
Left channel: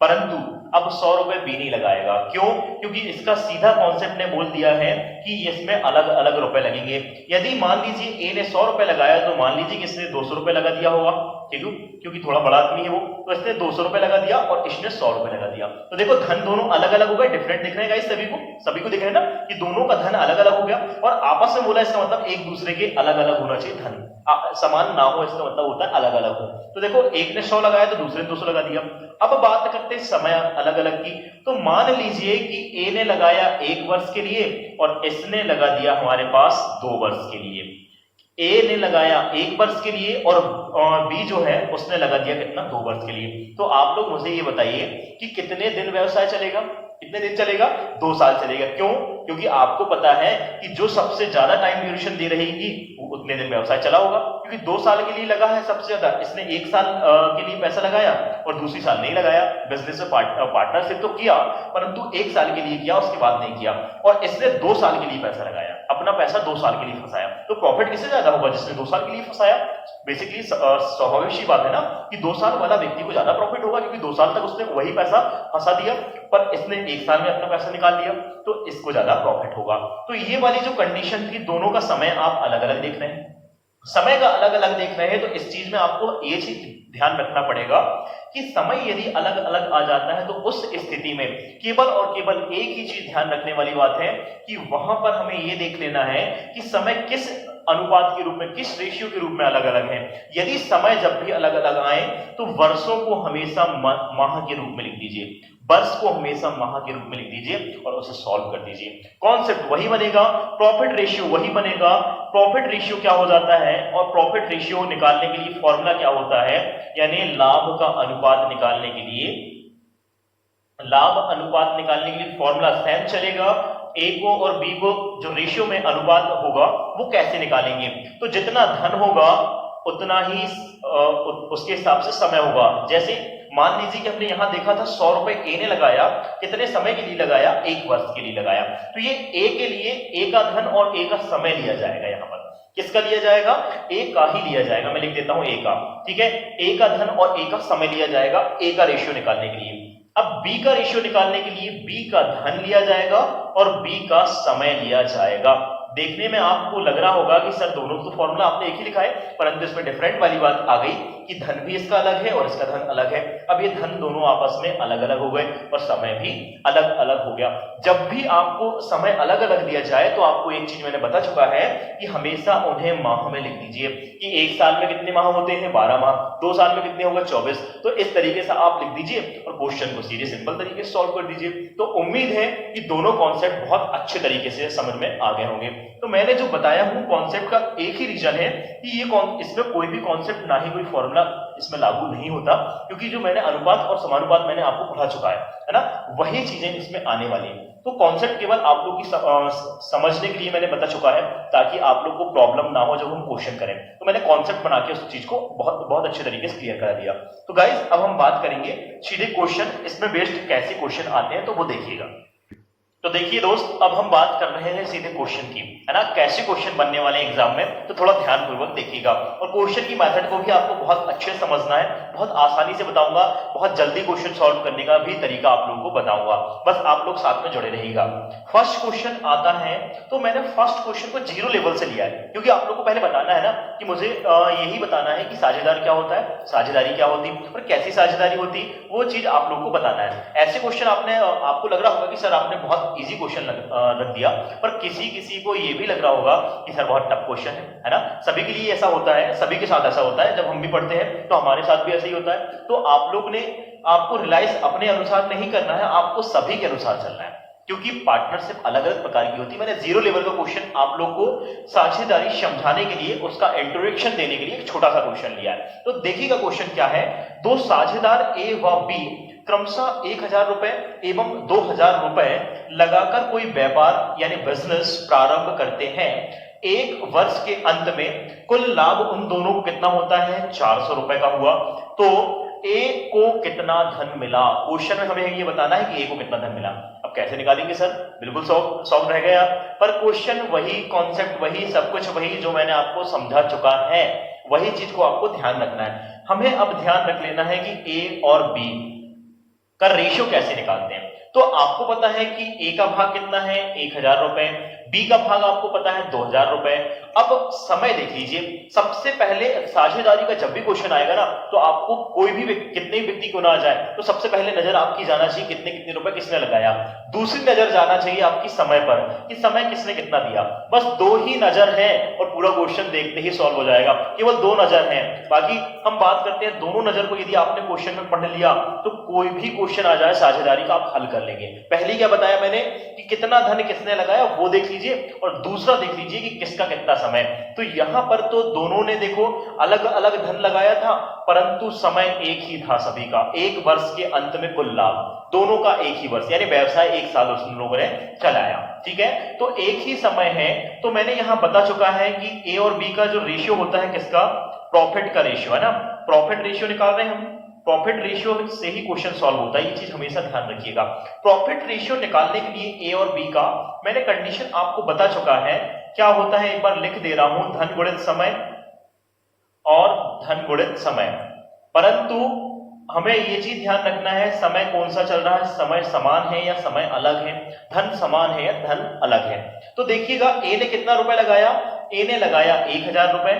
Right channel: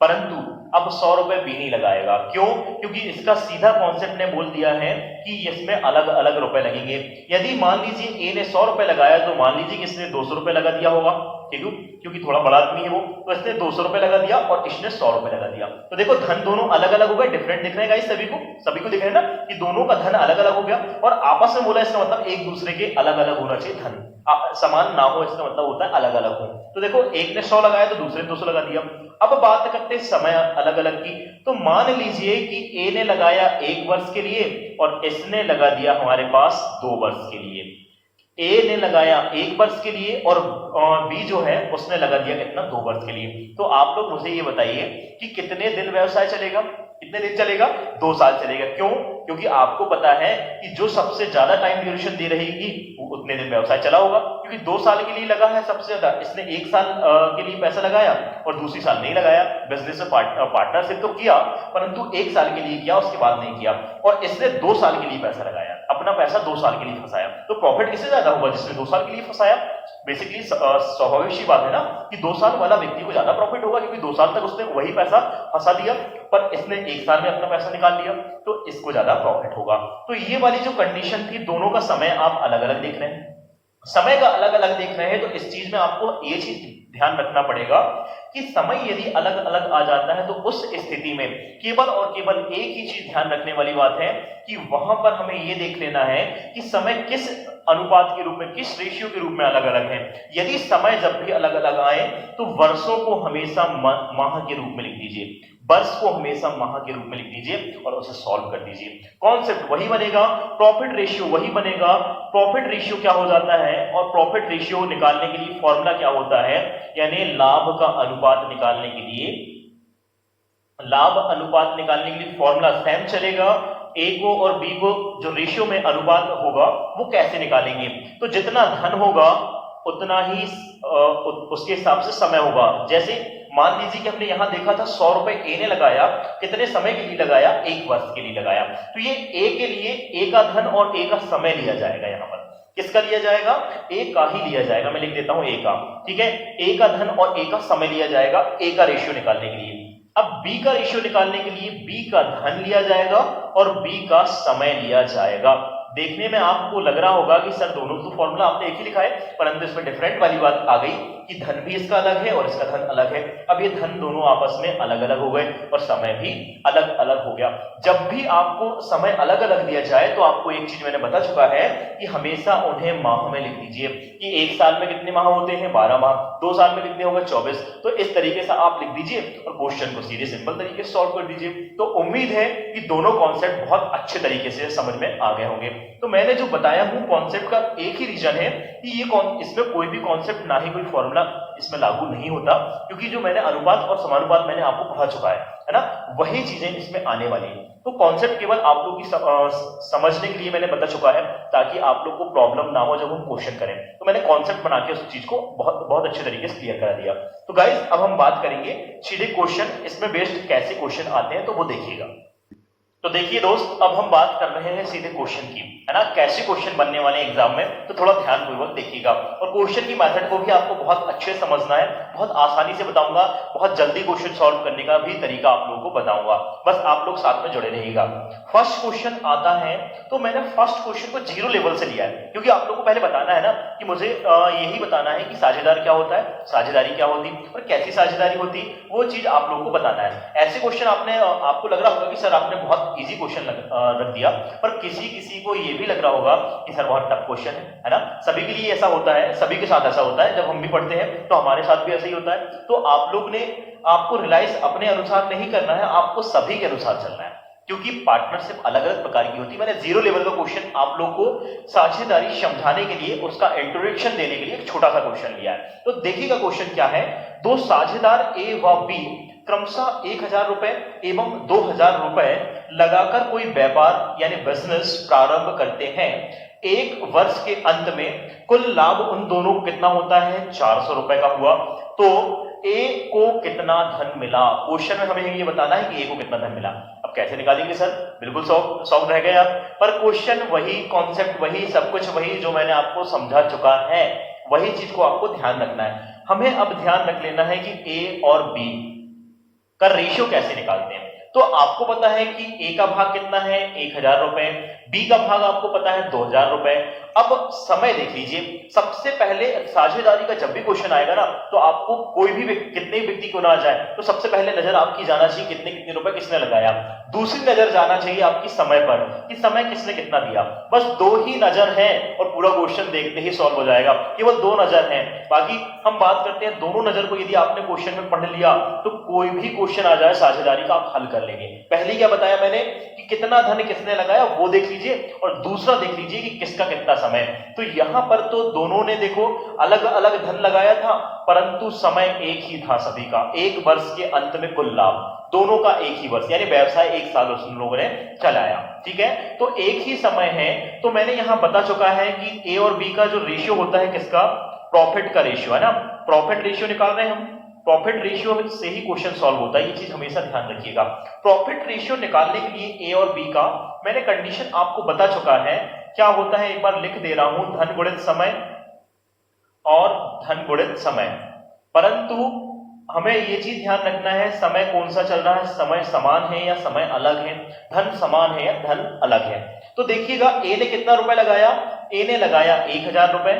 परंतु अब 100 रुपए बी नहीं लगाएगा। क्यों, क्योंकि इसका सीधा कॉन्सेप्ट ने बोल दिया है कि इसमें अलग अलग रुपए लगेंगे। यदि मान लीजिए ए ने 100 रुपए लगाया तो मान लीजिए कि इसने 200 रुपए लगा दिया होगा, ठीक है, क्योंकि थोड़ा बड़ा आदमी है वो, तो इसने 200 रुपए लगा दिया और इसने 100 रुपए लगा दिया। तो देखो धन दोनों अलग अलग हो गए, डिफरेंट दिख रहे हैं गाइस, सभी को दिख रहे हैं ना कि दोनों का धन अलग अलग हो गया और आपस में बोला, इसका मतलब एक दूसरे के अलग अलग होना चाहिए धन, समान ना हो, इसका मतलब होता है अलग अलग हो। तो देखो एक ने 100 लगाया तो दूसरे ने 200 लगा दिया। अब बात करते हैं समय अलग अलग की। तो मान लीजिए कि ए ने लगाया 1 वर्ष के लिए और इसने लगा दिया हमारे पास 2 वर्ष के लिए। ए ने लगाया 1 वर्ष के लिए और बी जो है उसने लगा दिया कितना, 2 वर्ष के लिए। तो आप लोग मुझे ये बताइए कि कितने दिन व्यवसाय चलेगा, कितने दिन चलेगा, 2 साल चलेगा। क्यों, क्योंकि आपको पता है कि जो सबसे ज्यादा टाइम ड्यूरेशन दे रहेगी वो उतने दिन व्यवसाय चला होगा, क्योंकि 2 साल के लिए लगा है सबसे ज्यादा। इसने 1 साल के लिए पैसा लगाया और दूसरी साल नहीं लगाया। बिजनेस में पार्टनरशिप तो किया परंतु 1 साल के लिए किया, उसके बाद नहीं किया। और इसने 2 साल के लिए पैसा लगाया, अपना पैसा 2 साल के लिए फंसाया। तो प्रॉफिट किससे ज्यादा होगा, जिसने 2 साल के लिए फंसाया। बेसिकली स्वाभाविक सी बात है ना कि 2 साल वाला व्यक्ति को ज्यादा प्रॉफिट होगा, क्योंकि 2 साल तक उसने वही पैसा फंसा दिया, पर इसने 1 साल में अपना पैसा निकाल लिया, तो इसको ज्यादा प्रॉफिट होगा। तो ये वाली जो कंडीशन थी, दोनों का समय आप अलग अलग देख रहे हैं, समय का अलग अलग देख रहे हैं। तो इस चीज में आपको ये चीज ध्यान रखना पड़ेगा कि समय यदि अलग अलग आ जाता है तो उस स्थिति में केवल और केवल एक ही चीज ध्यान रखने वाली बात है कि वहां पर हमें ये देख लेना है कि समय किस अनुपात के रूप में, किस रेशियो के रूप में अलग अलग है। यदि समय जब भी अलग अलग आए तो वर्षों को हमेशा माह के रूप में लिख दीजिए, वर्ष को हमेशा माह के रूप में लिख दीजिए और उसे सॉल्व कर दीजिए। कॉन्सेप्ट वही बनेगा, प्रॉफिट रेशियो वही बनेगा। प्रॉफिट रेशियो क्या हो जाता है और प्रॉफिट रेशियो निकालने के लिए फॉर्मूला क्या होता है, यानी लाभ का अनुपात निकालने के लिए, लाभ अनुपात निकालने के लिए फॉर्मूला सेम चलेगा। ए को और बी को जो रेशियो में अनुपात होगा वो कैसे निकालेंगे, तो जितना धन होगा उतना ही उसके हिसाब से समय होगा। जैसे मान लीजिए कि हमने यहां देखा था 100 रुपए ए ने लगाया, कितने समय के लिए लगाया, 1 वर्ष के लिए लगाया। तो ये ए के लिए ए का धन और ए का समय लिया जाएगा। यहां पर किसका लिया जाएगा, ए का ही लिया जाएगा। मैं लिख देता हूं ए का, ठीक है, ए का धन और ए का समय लिया जाएगा ए का रेशियो निकालने के लिए। अब बी का रेशियो निकालने के लिए बी का धन लिया जाएगा और बी का समय लिया जाएगा। देखने में आपको लग रहा होगा कि सर दोनों तो फॉर्मूला आपने एक ही लिखा है, परंतु इसमें डिफरेंट वाली बात आ गई कि धन भी इसका अलग है और इसका धन अलग है। अब ये धन दोनों आपस में अलग अलग हो गए और समय भी अलग अलग हो गया। जब भी आपको समय अलग अलग दिया जाए तो आपको एक चीज मैंने बता चुका है कि हमेशा उन्हें माह में लिख दीजिए कि 1 साल में कितने माह होते हैं, 12 माह, 2 साल में कितने होगा, 24। तो इस तरीके से आप लिख दीजिए और क्वेश्चन को सीधे सिंपल तरीके से सॉल्व कर दीजिए। तो उम्मीद है कि दोनों कॉन्सेप्ट बहुत अच्छे तरीके से समझ में आ गए होंगे। तो मैंने जो बताया हूं कॉन्सेप्ट का एक ही रीजन है कि इसमें कोई भी कॉन्सेप्ट ना ही कोई फॉर्मूला इसमें लागू नहीं होता, क्योंकि जो मैंने अनुपात और समानुपात मैंने आपको पढ़ा चुका है ना, वही चीजें इसमें आने वाली हैं। तो कॉन्सेप्ट केवल आप लोग की समझने के लिए मैंने बता चुका है ताकि आप लोग को प्रॉब्लम ना हो जब हम क्वेश्चन करें। तो मैंने कॉन्सेप्ट बना के उस चीज को बहुत बहुत अच्छे तरीके से क्लियर करा दिया। तो गाइस अब हम बात करेंगे सीधे क्वेश्चन, इसमें बेस्ड कैसे क्वेश्चन आते हैं तो वो देखिएगा। तो देखिए दोस्त, अब हम बात कर रहे हैं सीधे क्वेश्चन की, है ना। कैसे क्वेश्चन बनने वाले हैं एग्जाम में, तो थोड़ा ध्यानपूर्वक देखिएगा। और क्वेश्चन की मेथड को भी आपको बहुत अच्छे से समझना है, बहुत आसानी से बताऊंगा, बहुत जल्दी क्वेश्चन सॉल्व करने का भी तरीका आप लोगों को बताऊंगा, बस आप लोग साथ में जुड़े रहिएगा। फर्स्ट क्वेश्चन आता है, तो मैंने फर्स्ट क्वेश्चन को 0 लेवल से लिया है, क्योंकि आप लोगों को पहले बताना है ना कि मुझे यही बताना है कि साझेदार क्या होता है, साझेदारी क्या होती है और कैसी साझेदारी होती, वो चीज आप लोगों को बताना है। ऐसे क्वेश्चन आपको लग रहा होगा कि सर आपने बहुत इजी क्वेश्चन रख दिया, पर किसी को ये भी लग रहा होगा कि सर बहुत टफ क्वेश्चन है ना। सभी के लिए ऐसा होता है, सभी के साथ ऐसा होता है, जब हम भी पढ़ते हैं तो हमारे साथ भी ऐसा ही होता है। तो आप लोग ने आपको रियलाइज अपने अनुसार नहीं करना है, आपको सभी के अनुसार चलना है, क्योंकि पार्टनरशिप अलग अलग प्रकार की होती है। मैंने 0 लेवल का क्वेश्चन आप लोग को साझेदारी समझाने के लिए, उसका इंट्रोडक्शन देने के लिए एक छोटा सा क्वेश्चन लिया है। तो देखिएगा क्वेश्चन क्या है। दो साझेदार ए व बी क्रमशः 1000 रुपए एवं 2000 रुपए लगाकर कोई व्यापार यानी बिजनेस प्रारंभ करते हैं। एक वर्ष के अंत में कुल लाभ उन दोनों को कितना होता है, 400 रुपए का हुआ। तो ए को कितना धन मिला, क्वेश्चन में हमें ये बताना है कि ए को कितना धन मिला। अब कैसे निकालेंगे सर, बिल्कुल सॉल्व रह गया, पर क्वेश्चन वही, कॉन्सेप्ट वही, सब कुछ वही जो मैंने आपको समझा चुका है, वही चीज को आपको ध्यान रखना है। हमें अब ध्यान रख लेना है कि ए और बी का रेशियो कैसे निकालते हैं। तो आपको पता है कि ए का भाग कितना है, 1000 रुपए, बी का भाग आपको पता है 2000 रुपए। अब समय देख लीजिए, सबसे पहले साझेदारी का जब भी क्वेश्चन आएगा ना, तो आपको कोई भी कितने व्यक्ति को ना आ जाए, तो सबसे पहले नजर आपकी जाना चाहिए कितने कितने रुपए किसने लगाया। दूसरी नजर जाना चाहिए आपकी समय पर कि समय किसने कितना दिया। बस 2 ही नजर है और पूरा क्वेश्चन देखते ही सॉल्व हो जाएगा, केवल 2 नजर है। बाकी हम बात करते हैं दोनों नजर को, यदि आपने क्वेश्चन में पढ़ लिया तो कोई भी क्वेश्चन आ जाए साझेदारी का आप हल कर लेंगे। पहले क्या बताया मैंने कि कितना धन किसने लगाया वो देख लीजिए, और दूसरा देख लीजिए कि किसका कितना समय। तो यहां पर तो दोनों ने देखो अलग अलग धन लगाया था, परंतु समय एक ही था सभी का। एक वर्ष के अंत में कुल लाभ दोनों का एक ही वर्ष, यानी व्यवसाय 1 साल उन लोगों ने चलाया, ठीक है। तो एक ही समय है, तो मैंने यहां बता चुका है कि ए और बी का जो रेशियो होता है किसका, प्रॉफिट का रेशियो, है ना। प्रॉफिट रेशियो निकाल रहे हैं हम, प्रॉफिट रेशियो से ही क्वेश्चन सॉल्व होता है, ये चीज हमेशा ध्यान रखिएगा। प्रॉफिट रेशियो निकालने के लिए ए और बी का मैंने कंडीशन आपको बता चुका है, क्या होता है एक बार लिख दे रहा हूं, धन गुणित समय और धन गुणित समय। परंतु हमें ये चीज ध्यान रखना है, समय कौन सा चल रहा है, समय समान है या समय अलग है, धन समान है या धन अलग है। तो देखिएगा ए ने कितना रुपए लगाया, ए ने लगाया 1000 रुपए,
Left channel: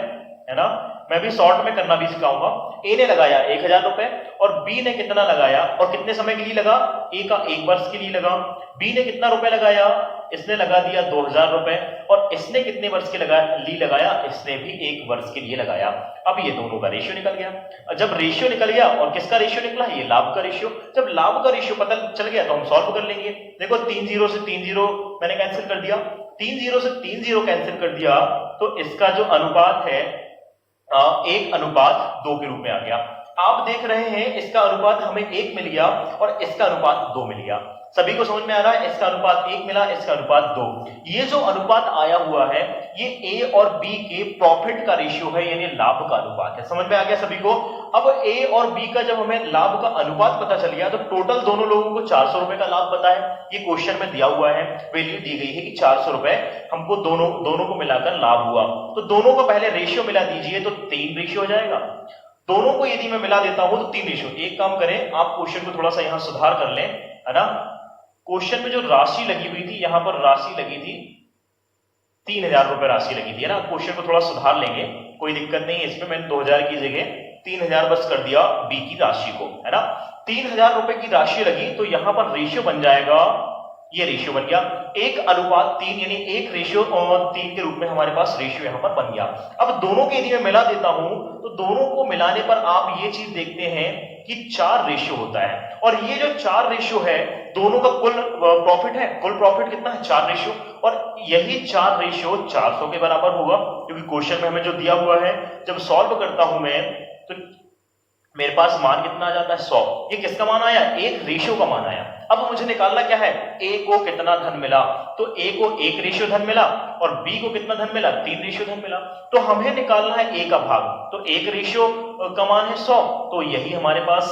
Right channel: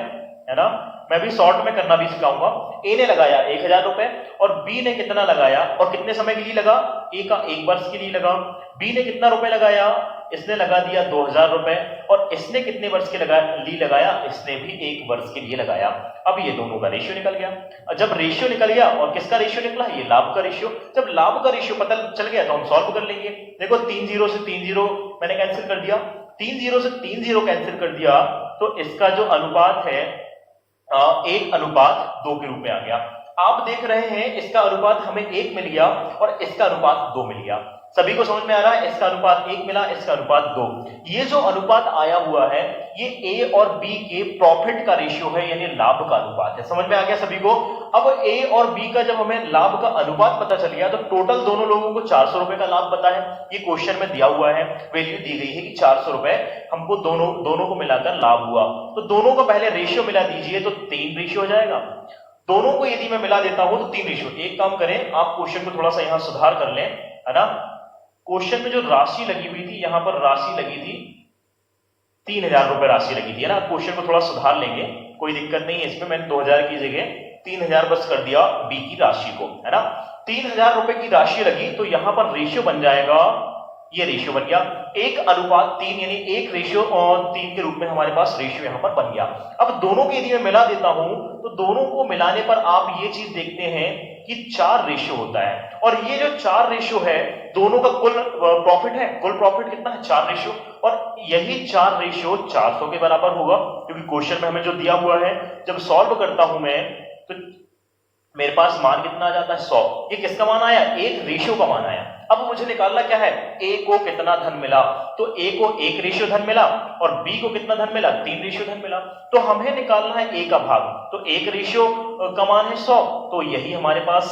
है ना। मैं भी शॉर्ट में करना भी सिखाऊंगा। ए ने लगाया 1000 रुपए और बी ने कितना लगाया और कितने समय के लिए लगा, ए का 1 वर्ष के लिए लगा। बी ने कितना रुपए लगाया, इसने लगा दिया 2000 रुपए, और इसने कितने वर्ष के लिए लगाया, इसने भी 1 वर्ष के लिए लगाया। अब ये दोनों का रेशियो निकल गया। जब रेशियो निकल गया, और किसका रेशियो निकला, ये लाभ का रेशियो। जब लाभ का रेशियो पता चल गया तो हम सॉल्व कर लेंगे। देखो 3 0 से 3 0 मैंने कैंसिल कर दिया, 3 0 से 3 0 कैंसिल कर दिया, तो इसका जो अनुपात है 1:2 के रूप में आ गया। आप देख रहे हैं इसका अनुपात हमें 1 मिल गया और इसका अनुपात 2 मिल गया। सभी को समझ में आ रहा है, इसका अनुपात 1 मिला, इसका अनुपात 2। ये जो अनुपात आया हुआ है ये ए और बी के प्रॉफिट का रेशियो है, यानी लाभ का अनुपात है। समझ में आ गया सभी को। अब ए और बी का जब हमें लाभ का अनुपात पता चल गया, तो टोटल दोनों लोगों को 400 रुपए का लाभ पता है। ये क्वेश्चन में दिया हुआ है, वैल्यू दी गई है कि 400 रुपए हमको दोनों को मिलाकर लाभ हुआ। तो दोनों का पहले रेशियो मिला दीजिए, तो 3 रेशियो हो जाएगा। दोनों को यदि मैं मिला देता हूं तो 3 रेशियो। एक काम करें, आप क्वेश्चन को थोड़ा सा यहां सुधार कर लें, है ना। क्वेश्चन में जो राशि लगी हुई थी, यहां पर राशि लगी थी 3000 रुपए राशि लगी थी, है ना। क्वेश्चन को थोड़ा सुधार लेंगे, कोई दिक्कत नहीं है इसमें। मैंने 2000 की जगह 3000 बस कर दिया बी की राशि को, है ना। 3000 रुपए की राशि लगी, तो यहां पर रेशियो बन जाएगा, ये रेशियो बन गया 1:3, यानी 1:3 के रूप में हमारे पास रेशियो यहां पर बन गया। अब दोनों के यदि मैं मिला देता हूं, तो दोनों को मिलाने पर आप ये चीज देखते हैं कि 4 रेशियो होता है, और ये जो 4 रेशियो है दोनों का कुल प्रॉफिट है। कुल प्रॉफिट कितना है, 4 रेशियो, और यही 4 रेशियो 400 के बराबर होगा, क्योंकि क्वेश्चन में हमें जो दिया हुआ है, जब सॉल्व करता हूं मैं तो मेरे पास मान कितना आ जाता है, 100। ये किसका मान आया, एक रेशियो का मान आया। अब मुझे निकालना क्या है, ए को कितना धन मिला, तो ए को 1 रेशियो धन मिला, और बी को कितना धन मिला, 3 रेशियो धन मिला। तो हमें निकालना है ए का भाग, तो 1 रेशियो का मान है 100, तो यही हमारे पास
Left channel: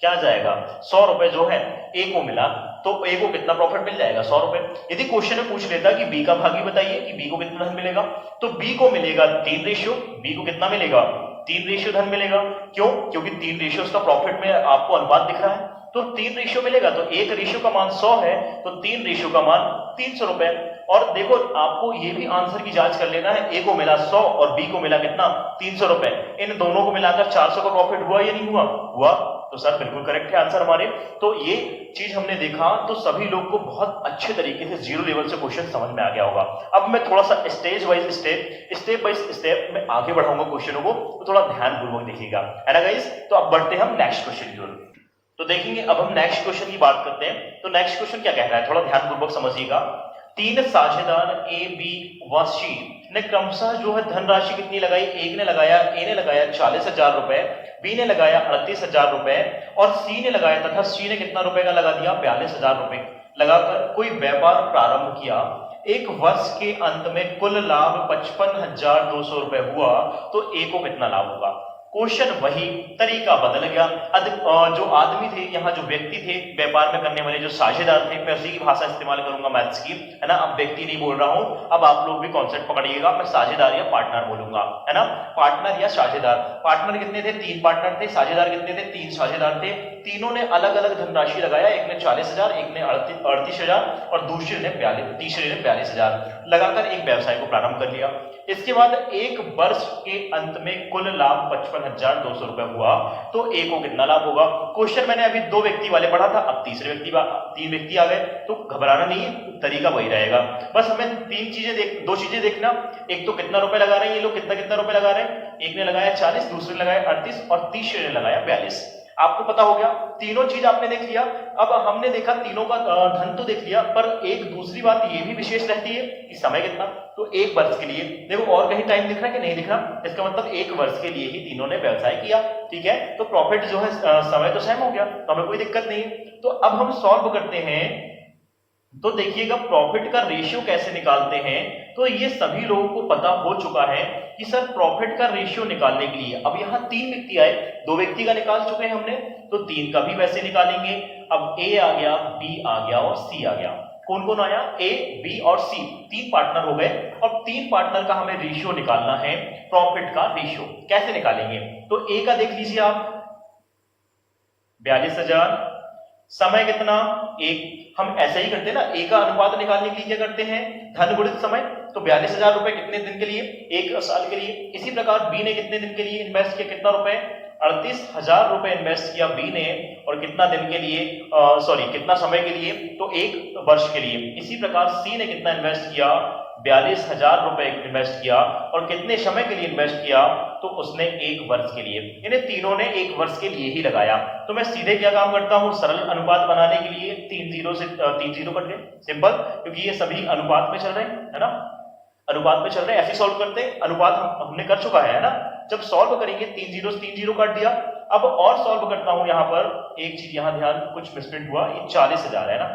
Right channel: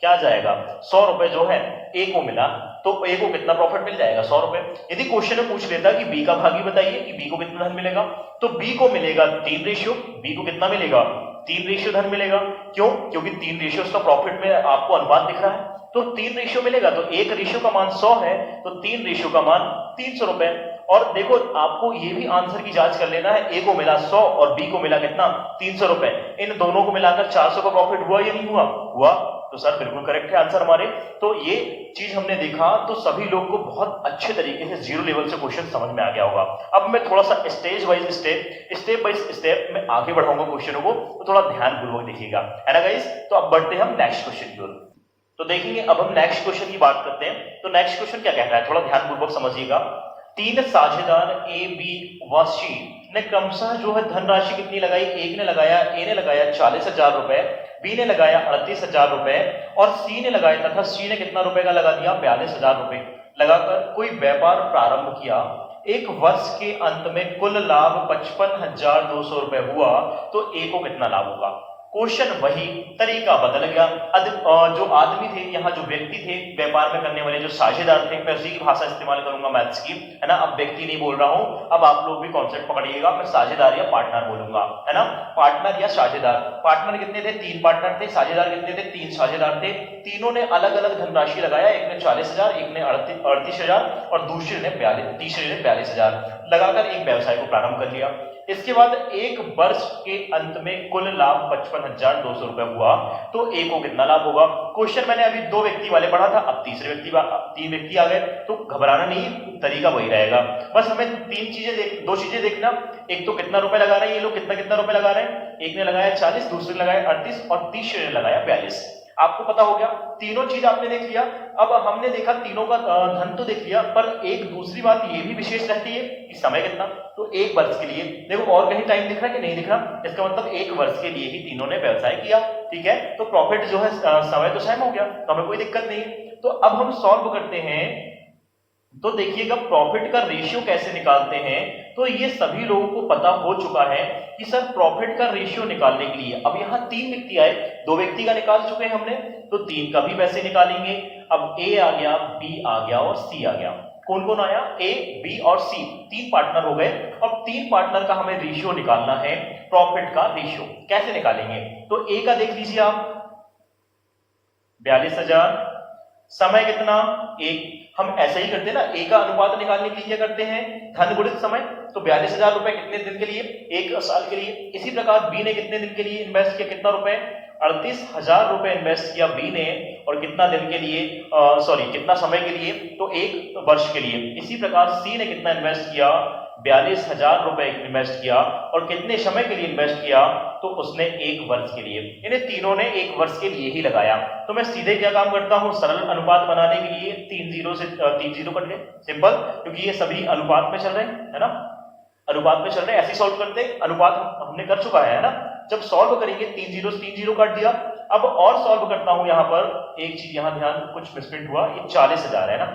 क्या जाएगा, 100 रुपए जो है ए को मिला। तो ए को कितना प्रॉफिट मिल जाएगा, 100 रुपए। यदि क्वेश्चन में पूछ लेता कि बी का भागी बताइए कि बी को कितना धन मिलेगा, तो बी को मिलेगा 3 रेशियो, बी को कितना मिलेगा 3 रेशियो धन मिलेगा। क्यों? क्योंकि 3 रेशियो का प्रॉफिट में आपको अनुपात दिख रहा है, तो 3 रेशियो मिलेगा। तो 1 रेशियो का मान 100 है, तो 3 रेशियो का मान 300 रुपए। और देखो आपको ये भी आंसर की जांच कर लेना है, ए को मिला 100 और बी को मिला कितना 300 रुपए, इन दोनों को मिलाकर 400 का प्रॉफिट हुआ या नहीं हुआ? हुआ। तो सर बिल्कुल करेक्ट है आंसर हमारे। तो ये चीज हमने देखा तो सभी लोग को बहुत अच्छे तरीके से जीरो लेवल से क्वेश्चन समझ में आ गया होगा। अब मैं थोड़ा सा स्टेप बाय स्टेप में आगे बढ़ाऊंगा क्वेश्चनों को, तो थोड़ा ध्यानपूर्वक देखिएगा, है ना गाइस। तो अब बढ़ते हैं हम नेक्स्ट क्वेश्चन की ओर। तो देखेंगे अब हम नेक्स्ट क्वेश्चन की बात करते हैं। तो नेक्स्ट क्वेश्चन क्या कह रहा है, थोड़ा ध्यानपूर्वक समझिएगा। 3 साझेदार ए बी व सी ने क्रमशः जो है धनराशि कितनी लगाई, ए ने लगाया 40,000 रुपए, बी ने लगाया 38,000 रुपए और सी ने लगाया, तथा सी ने कितना रुपए का लगा दिया 42,000 रुपए लगाकर कोई व्यापार प्रारंभ किया। एक वर्ष के अंत में कुल लाभ 55,200 रुपए हुआ, तो ए को कितना लाभ होगा। क्वेश्चन वही, तरीका बदल गया। जो आदमी थे, यहाँ जो व्यक्ति थे व्यापार में करने वाले, जो साझेदार थे, मैं उसी भाषा इस्तेमाल करूंगा मैथ्स की, है ना। अब व्यक्ति नहीं बोल रहा हूं, अब आप लोग भी कॉन्सेप्ट पकड़िएगा, मैं साझेदार या पार्टनर बोलूंगा, है ना। पार्टनर या साझेदार। पार्टनर कितने थे, 3 पार्टनर थे। साझेदार कितने थे, 3 साझेदार थे। तीनों ने अलग अलग धनराशि लगाया, एक ने 40,000, एक ने 38,000 और तीसरे ने 42,000 लगाकर एक व्यवसाय को प्रारंभ कर लिया। इसके बाद एक वर्ष के अंत में कुल लाभ 55,200 रुपए हुआ, तो ए को कितना लाभ होगा। क्वेश्चन मैंने अभी 2 व्यक्ति वाले पढ़ा था, अब 3 व्यक्ति आ गए, तो घबराना नहीं, तरीका वही रहेगा। बस हमें 2 चीजें देखना, एक तो कितना रुपए लगा रहे हैं ये लोग, कितना रुपए लगा रहे हैं। एक ने लगाया 40, दूसरे ने लगाया 38 और तीसरे ने लगाया 42। आपको पता हो गया, तीनों चीज आपने देख लिया। अब हमने देखा तीनों का धन तो देख लिया, पर एक दूसरी बात ये भी विशेष रहती है कि समय कितना। तो 1 वर्ष के लिए देखो, और कहीं टाइम दिख रहा है कि नहीं दिख रहा, इसका मतलब 1 वर्ष के लिए ही तीनों ने व्यवसाय किया, ठीक है। तो प्रॉफिट जो है समय तो सेम हो गया, तो हमें कोई दिक्कत नहीं। तो अब हम सॉल्व करते हैं। तो देखिएगा प्रॉफिट का रेशियो कैसे निकालते हैं। तो ये सभी लोगों को पता हो चुका है कि सर प्रॉफिट का रेशियो निकालने के लिए, अब यहाँ 3 व्यक्ति आए, 2 व्यक्ति का निकाल चुके हैं हमने, तो 3 का भी वैसे निकालेंगे। अब ए आ गया, बी आ गया और सी आ गया। कौन कौन आया, ए बी और सी, 3 पार्टनर हो गए। अब 3 पार्टनर का हमें रेशियो निकालना है, प्रॉफिट का रेशियो कैसे निकालेंगे। तो ए का देख लीजिए आप, 42,000, समय कितना 1, हम ऐसे ही करते हैं ना, ए का अनुपात निकालने के लिए क्या करते हैं, धन गुणित समय। तो 42,000 रुपए कितने दिन के लिए, 1 साल के लिए। इसी प्रकार बी ने कितने दिन के लिए इन्वेस्ट किया, कितना रुपए, 38,000 रुपए इन्वेस्ट किया बी ने, और कितना दिन के लिए, कितना समय के लिए, तो 1 वर्ष के लिए। इसी प्रकार सी ने कितना इन्वेस्ट किया, 42,000 रुपए इन्वेस्ट किया, और कितने समय के लिए इन्वेस्ट किया, तो उसने 1 वर्ष के लिए। इन्हें तीनों ने 1 वर्ष के लिए ही लगाया। तो मैं सीधे क्या काम करता हूं, सरल अनुपात बनाने के लिए 3 जीरो से 3 जीरो कर ले, सिंपल, क्योंकि ये सभी अनुपात में चल रहे हैं, है ना, अनुपात में चल रहे हैं, ऐसे सॉल्व करते हैं। अनुपात हमने कर चुका है ना। जब सॉल्व करेंगे 3 जीरो काट दिया। अब और सॉल्व करता हूं, यहां पर एक चीज, यहां ध्यान, कुछ मिसप्रिंट हुआ, ये 40,000 है ना,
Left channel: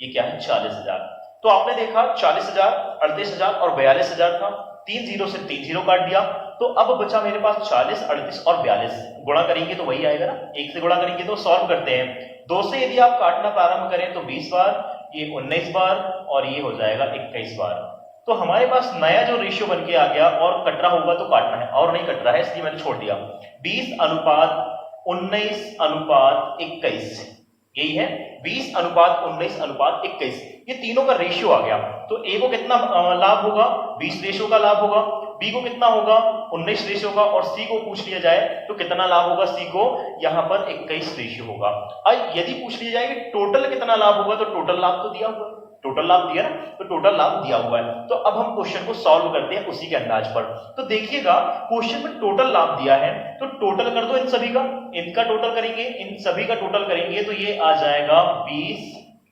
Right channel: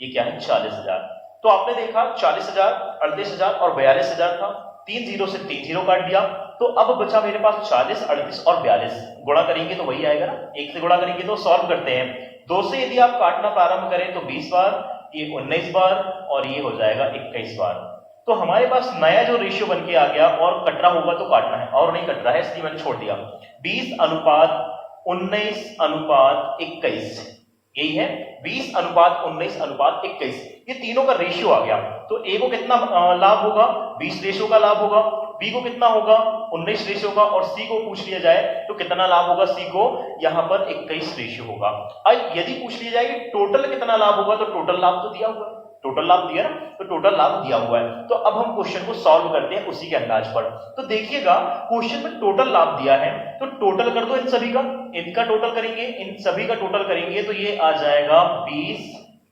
ये क्या है 40,000। तो आपने देखा 40,000, 38,000 और 42,000 था, 3 जीरो से 3 जीरो काट दिया। तो अब बचा मेरे पास 40, 38 और 42, गुणा करेंगे तो वही आएगा ना, 1 से गुणा करेंगे। तो सॉल्व करते हैं, 2 से यदि आप काटना प्रारंभ करें तो 20 बार, ये 19 बार और ये हो जाएगा 21 बार। तो हमारे पास नया जो रेशियो बन के आ गया, और कट रहा होगा तो काटना है, और नहीं कट रहा है इसलिए मैंने छोड़ दिया। 20:19:21, यही है 20:19:21, ये तीनों का रेशियो आ गया। तो ए को कितना लाभ होगा, 20 रेशियो का लाभ होगा। बी को कितना होगा, 19 रेशियो का। और सी को पूछ लिया जाए तो कितना लाभ होगा, सी को यहां पर 21 रेशियो होगा। अब यदि पूछ लिया जाए कि टोटल कितना लाभ होगा, तो टोटल लाभ तो दिया हुआ है, टोटल लाभ दिया ना, तो टोटल लाभ दिया हुआ है। तो अब हम क्वेश्चन को सॉल्व करते हैं उसी के अंदाज पर। तो देखिएगा क्वेश्चन में टोटल लाभ दिया है, तो टोटल कर दो इन सभी का, इनका टोटल करेंगे, इन सभी का टोटल करेंगे, तो ये आ जाएगा 20,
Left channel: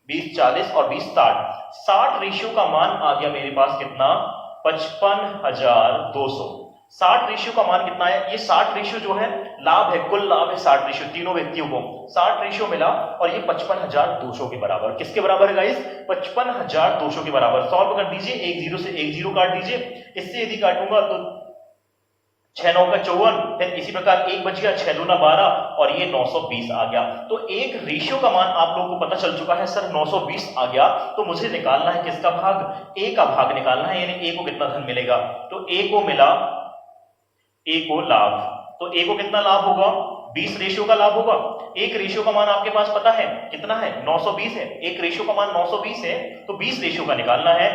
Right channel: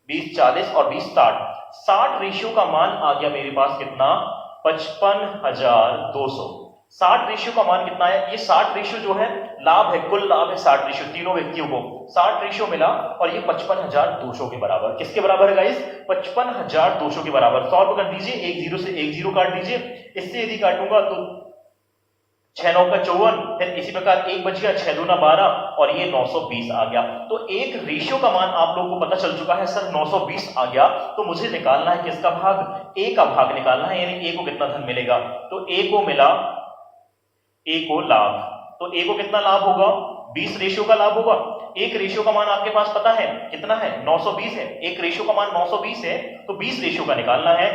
20 40 और 20 60। 60 रेशियो का मान आ गया मेरे पास कितना, 55,200। 60 रेशियो का मान कितना है, ये 60 रेशियो जो है लाभ है, कुल लाभ है 60 रेशियो, तीनों व्यक्तियों को 60 रेशियो मिला, और ये 55,200 के बराबर, किसके बराबर है गाइस, 55,200 के बराबर। सॉल्व कर दीजिए, 1 जीरो से 1 जीरो काट दीजिए, इससे यदि काटूंगा तो 6 9 का 54, फिर इसी प्रकार 1 बच गया, 6 दूना 12 और ये 920 आ गया। तो एक रेशियो का मान आप लोगों को पता चल चुका है सर 920 आ गया। तो मुझे निकालना है किसका भाग, ए का भाग निकालना है, यानी ए को कितना धन मिलेगा। तो ए को मिला, ए को लाभ, तो ए को कितना लाभ होगा, 20 रेशियो का लाभ होगा। एक रेशियो का मान आपके पास पता है कितना है, 920 है। एक रेशियो का मान 920 है, तो 20 रेशियो का निकालना है।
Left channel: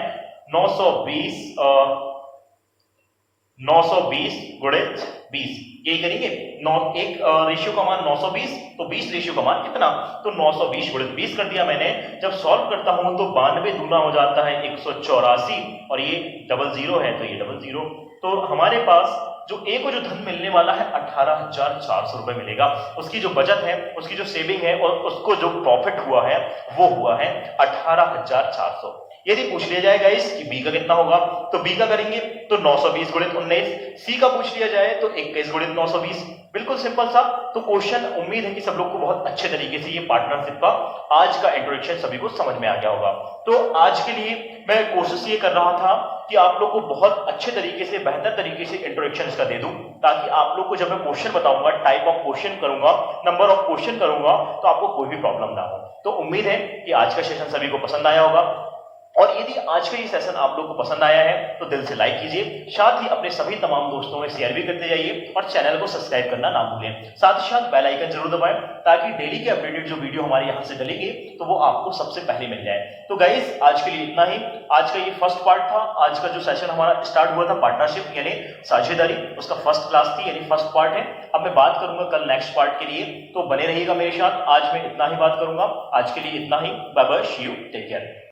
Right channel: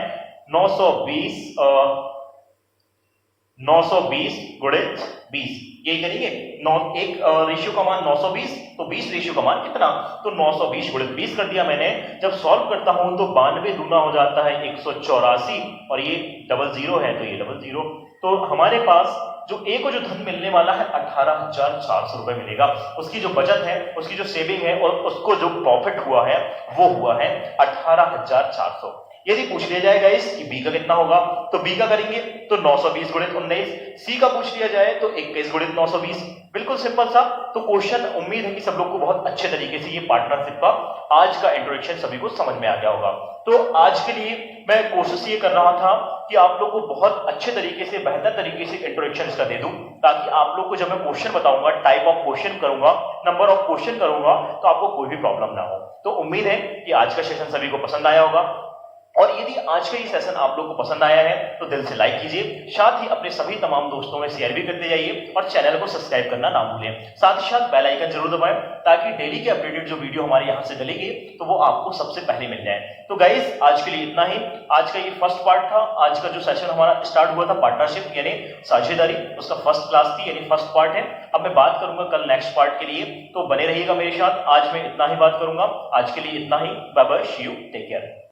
920 गुणित 20, ये करेंगे। एक रेशियो का मान 920, तो 20 रेशियो का मान कितना, तो 920 गुणित 20 कर दिया मैंने। जब सॉल्व करता हूं तो 92 दूना हो जाता है 184, और ये डबल जीरो है तो ये डबल जीरो। तो हमारे पास जो ए को जो धन मिलने वाला है 18,400 रुपए मिलेगा। उसकी जो बचत है, उसकी जो सेविंग है और उसको जो प्रॉफिट हुआ है वो हुआ है 18,400। यदि पूछ लिया जाए गाइस कि बी का कितना होगा, तो बी का करेंगे तो 920 गुणित 19। सी का पूछ लिया जाए तो 21 गुणित 920। बिल्कुल सिंपल सा। तो क्वेश्चन, उम्मीद है कि सब लोग को बहुत अच्छे तरीके से ये पार्टनरशिप का आज का इंट्रोडक्शन सभी को समझ में आ गया होगा। तो आज के लिए मैं कोशिश ये कर रहा था कि आप लोग को बहुत अच्छे तरीके से, बेहतर तरीके से इंट्रोडक्शन का दे दूं, ताकि आप लोग को जब मैं क्वेश्चन बताऊंगा, टाइप ऑफ क्वेश्चन करूंगा, नंबर ऑफ क्वेश्चन करूंगा, तो आपको कोई भी प्रॉब्लम ना हो। तो उम्मीद है कि आज का सेशन सभी को पसंद आया होगा। और यदि आज का ये सेशन आप लोग को पसंद आया है तो दिल से लाइक कीजिए, साथ ही अपने सभी तमाम दोस्तों में शेयर भी करते जाइए और चैनल को सब्सक्राइब करना ना भूलें। साथ ही साथ बेल आइकन जरूर दबाएं, ताकि डेली के अपडेटेड जो वीडियो हमारे यहाँ से डलेंगे तो वो आपको सबसे पहले मिल जाए। तो गाइस आज के लिए इतना ही। आज का ये फर्स्ट पार्ट था। आज का जो सेशन हमारा स्टार्ट हुआ था पार्टनरशिप यानी साझेदारी, उसका फर्स्ट क्लास थी, यानी फर्स्ट पार्ट है। अब मैं बात करूंगा कल नेक्स्ट पार्ट के लिए, तो बने रहिएगा मेरे साथ। आज मैं इतना ही बात करूंगा। आज के लिए इतना ही। Bye bye, see you, take care.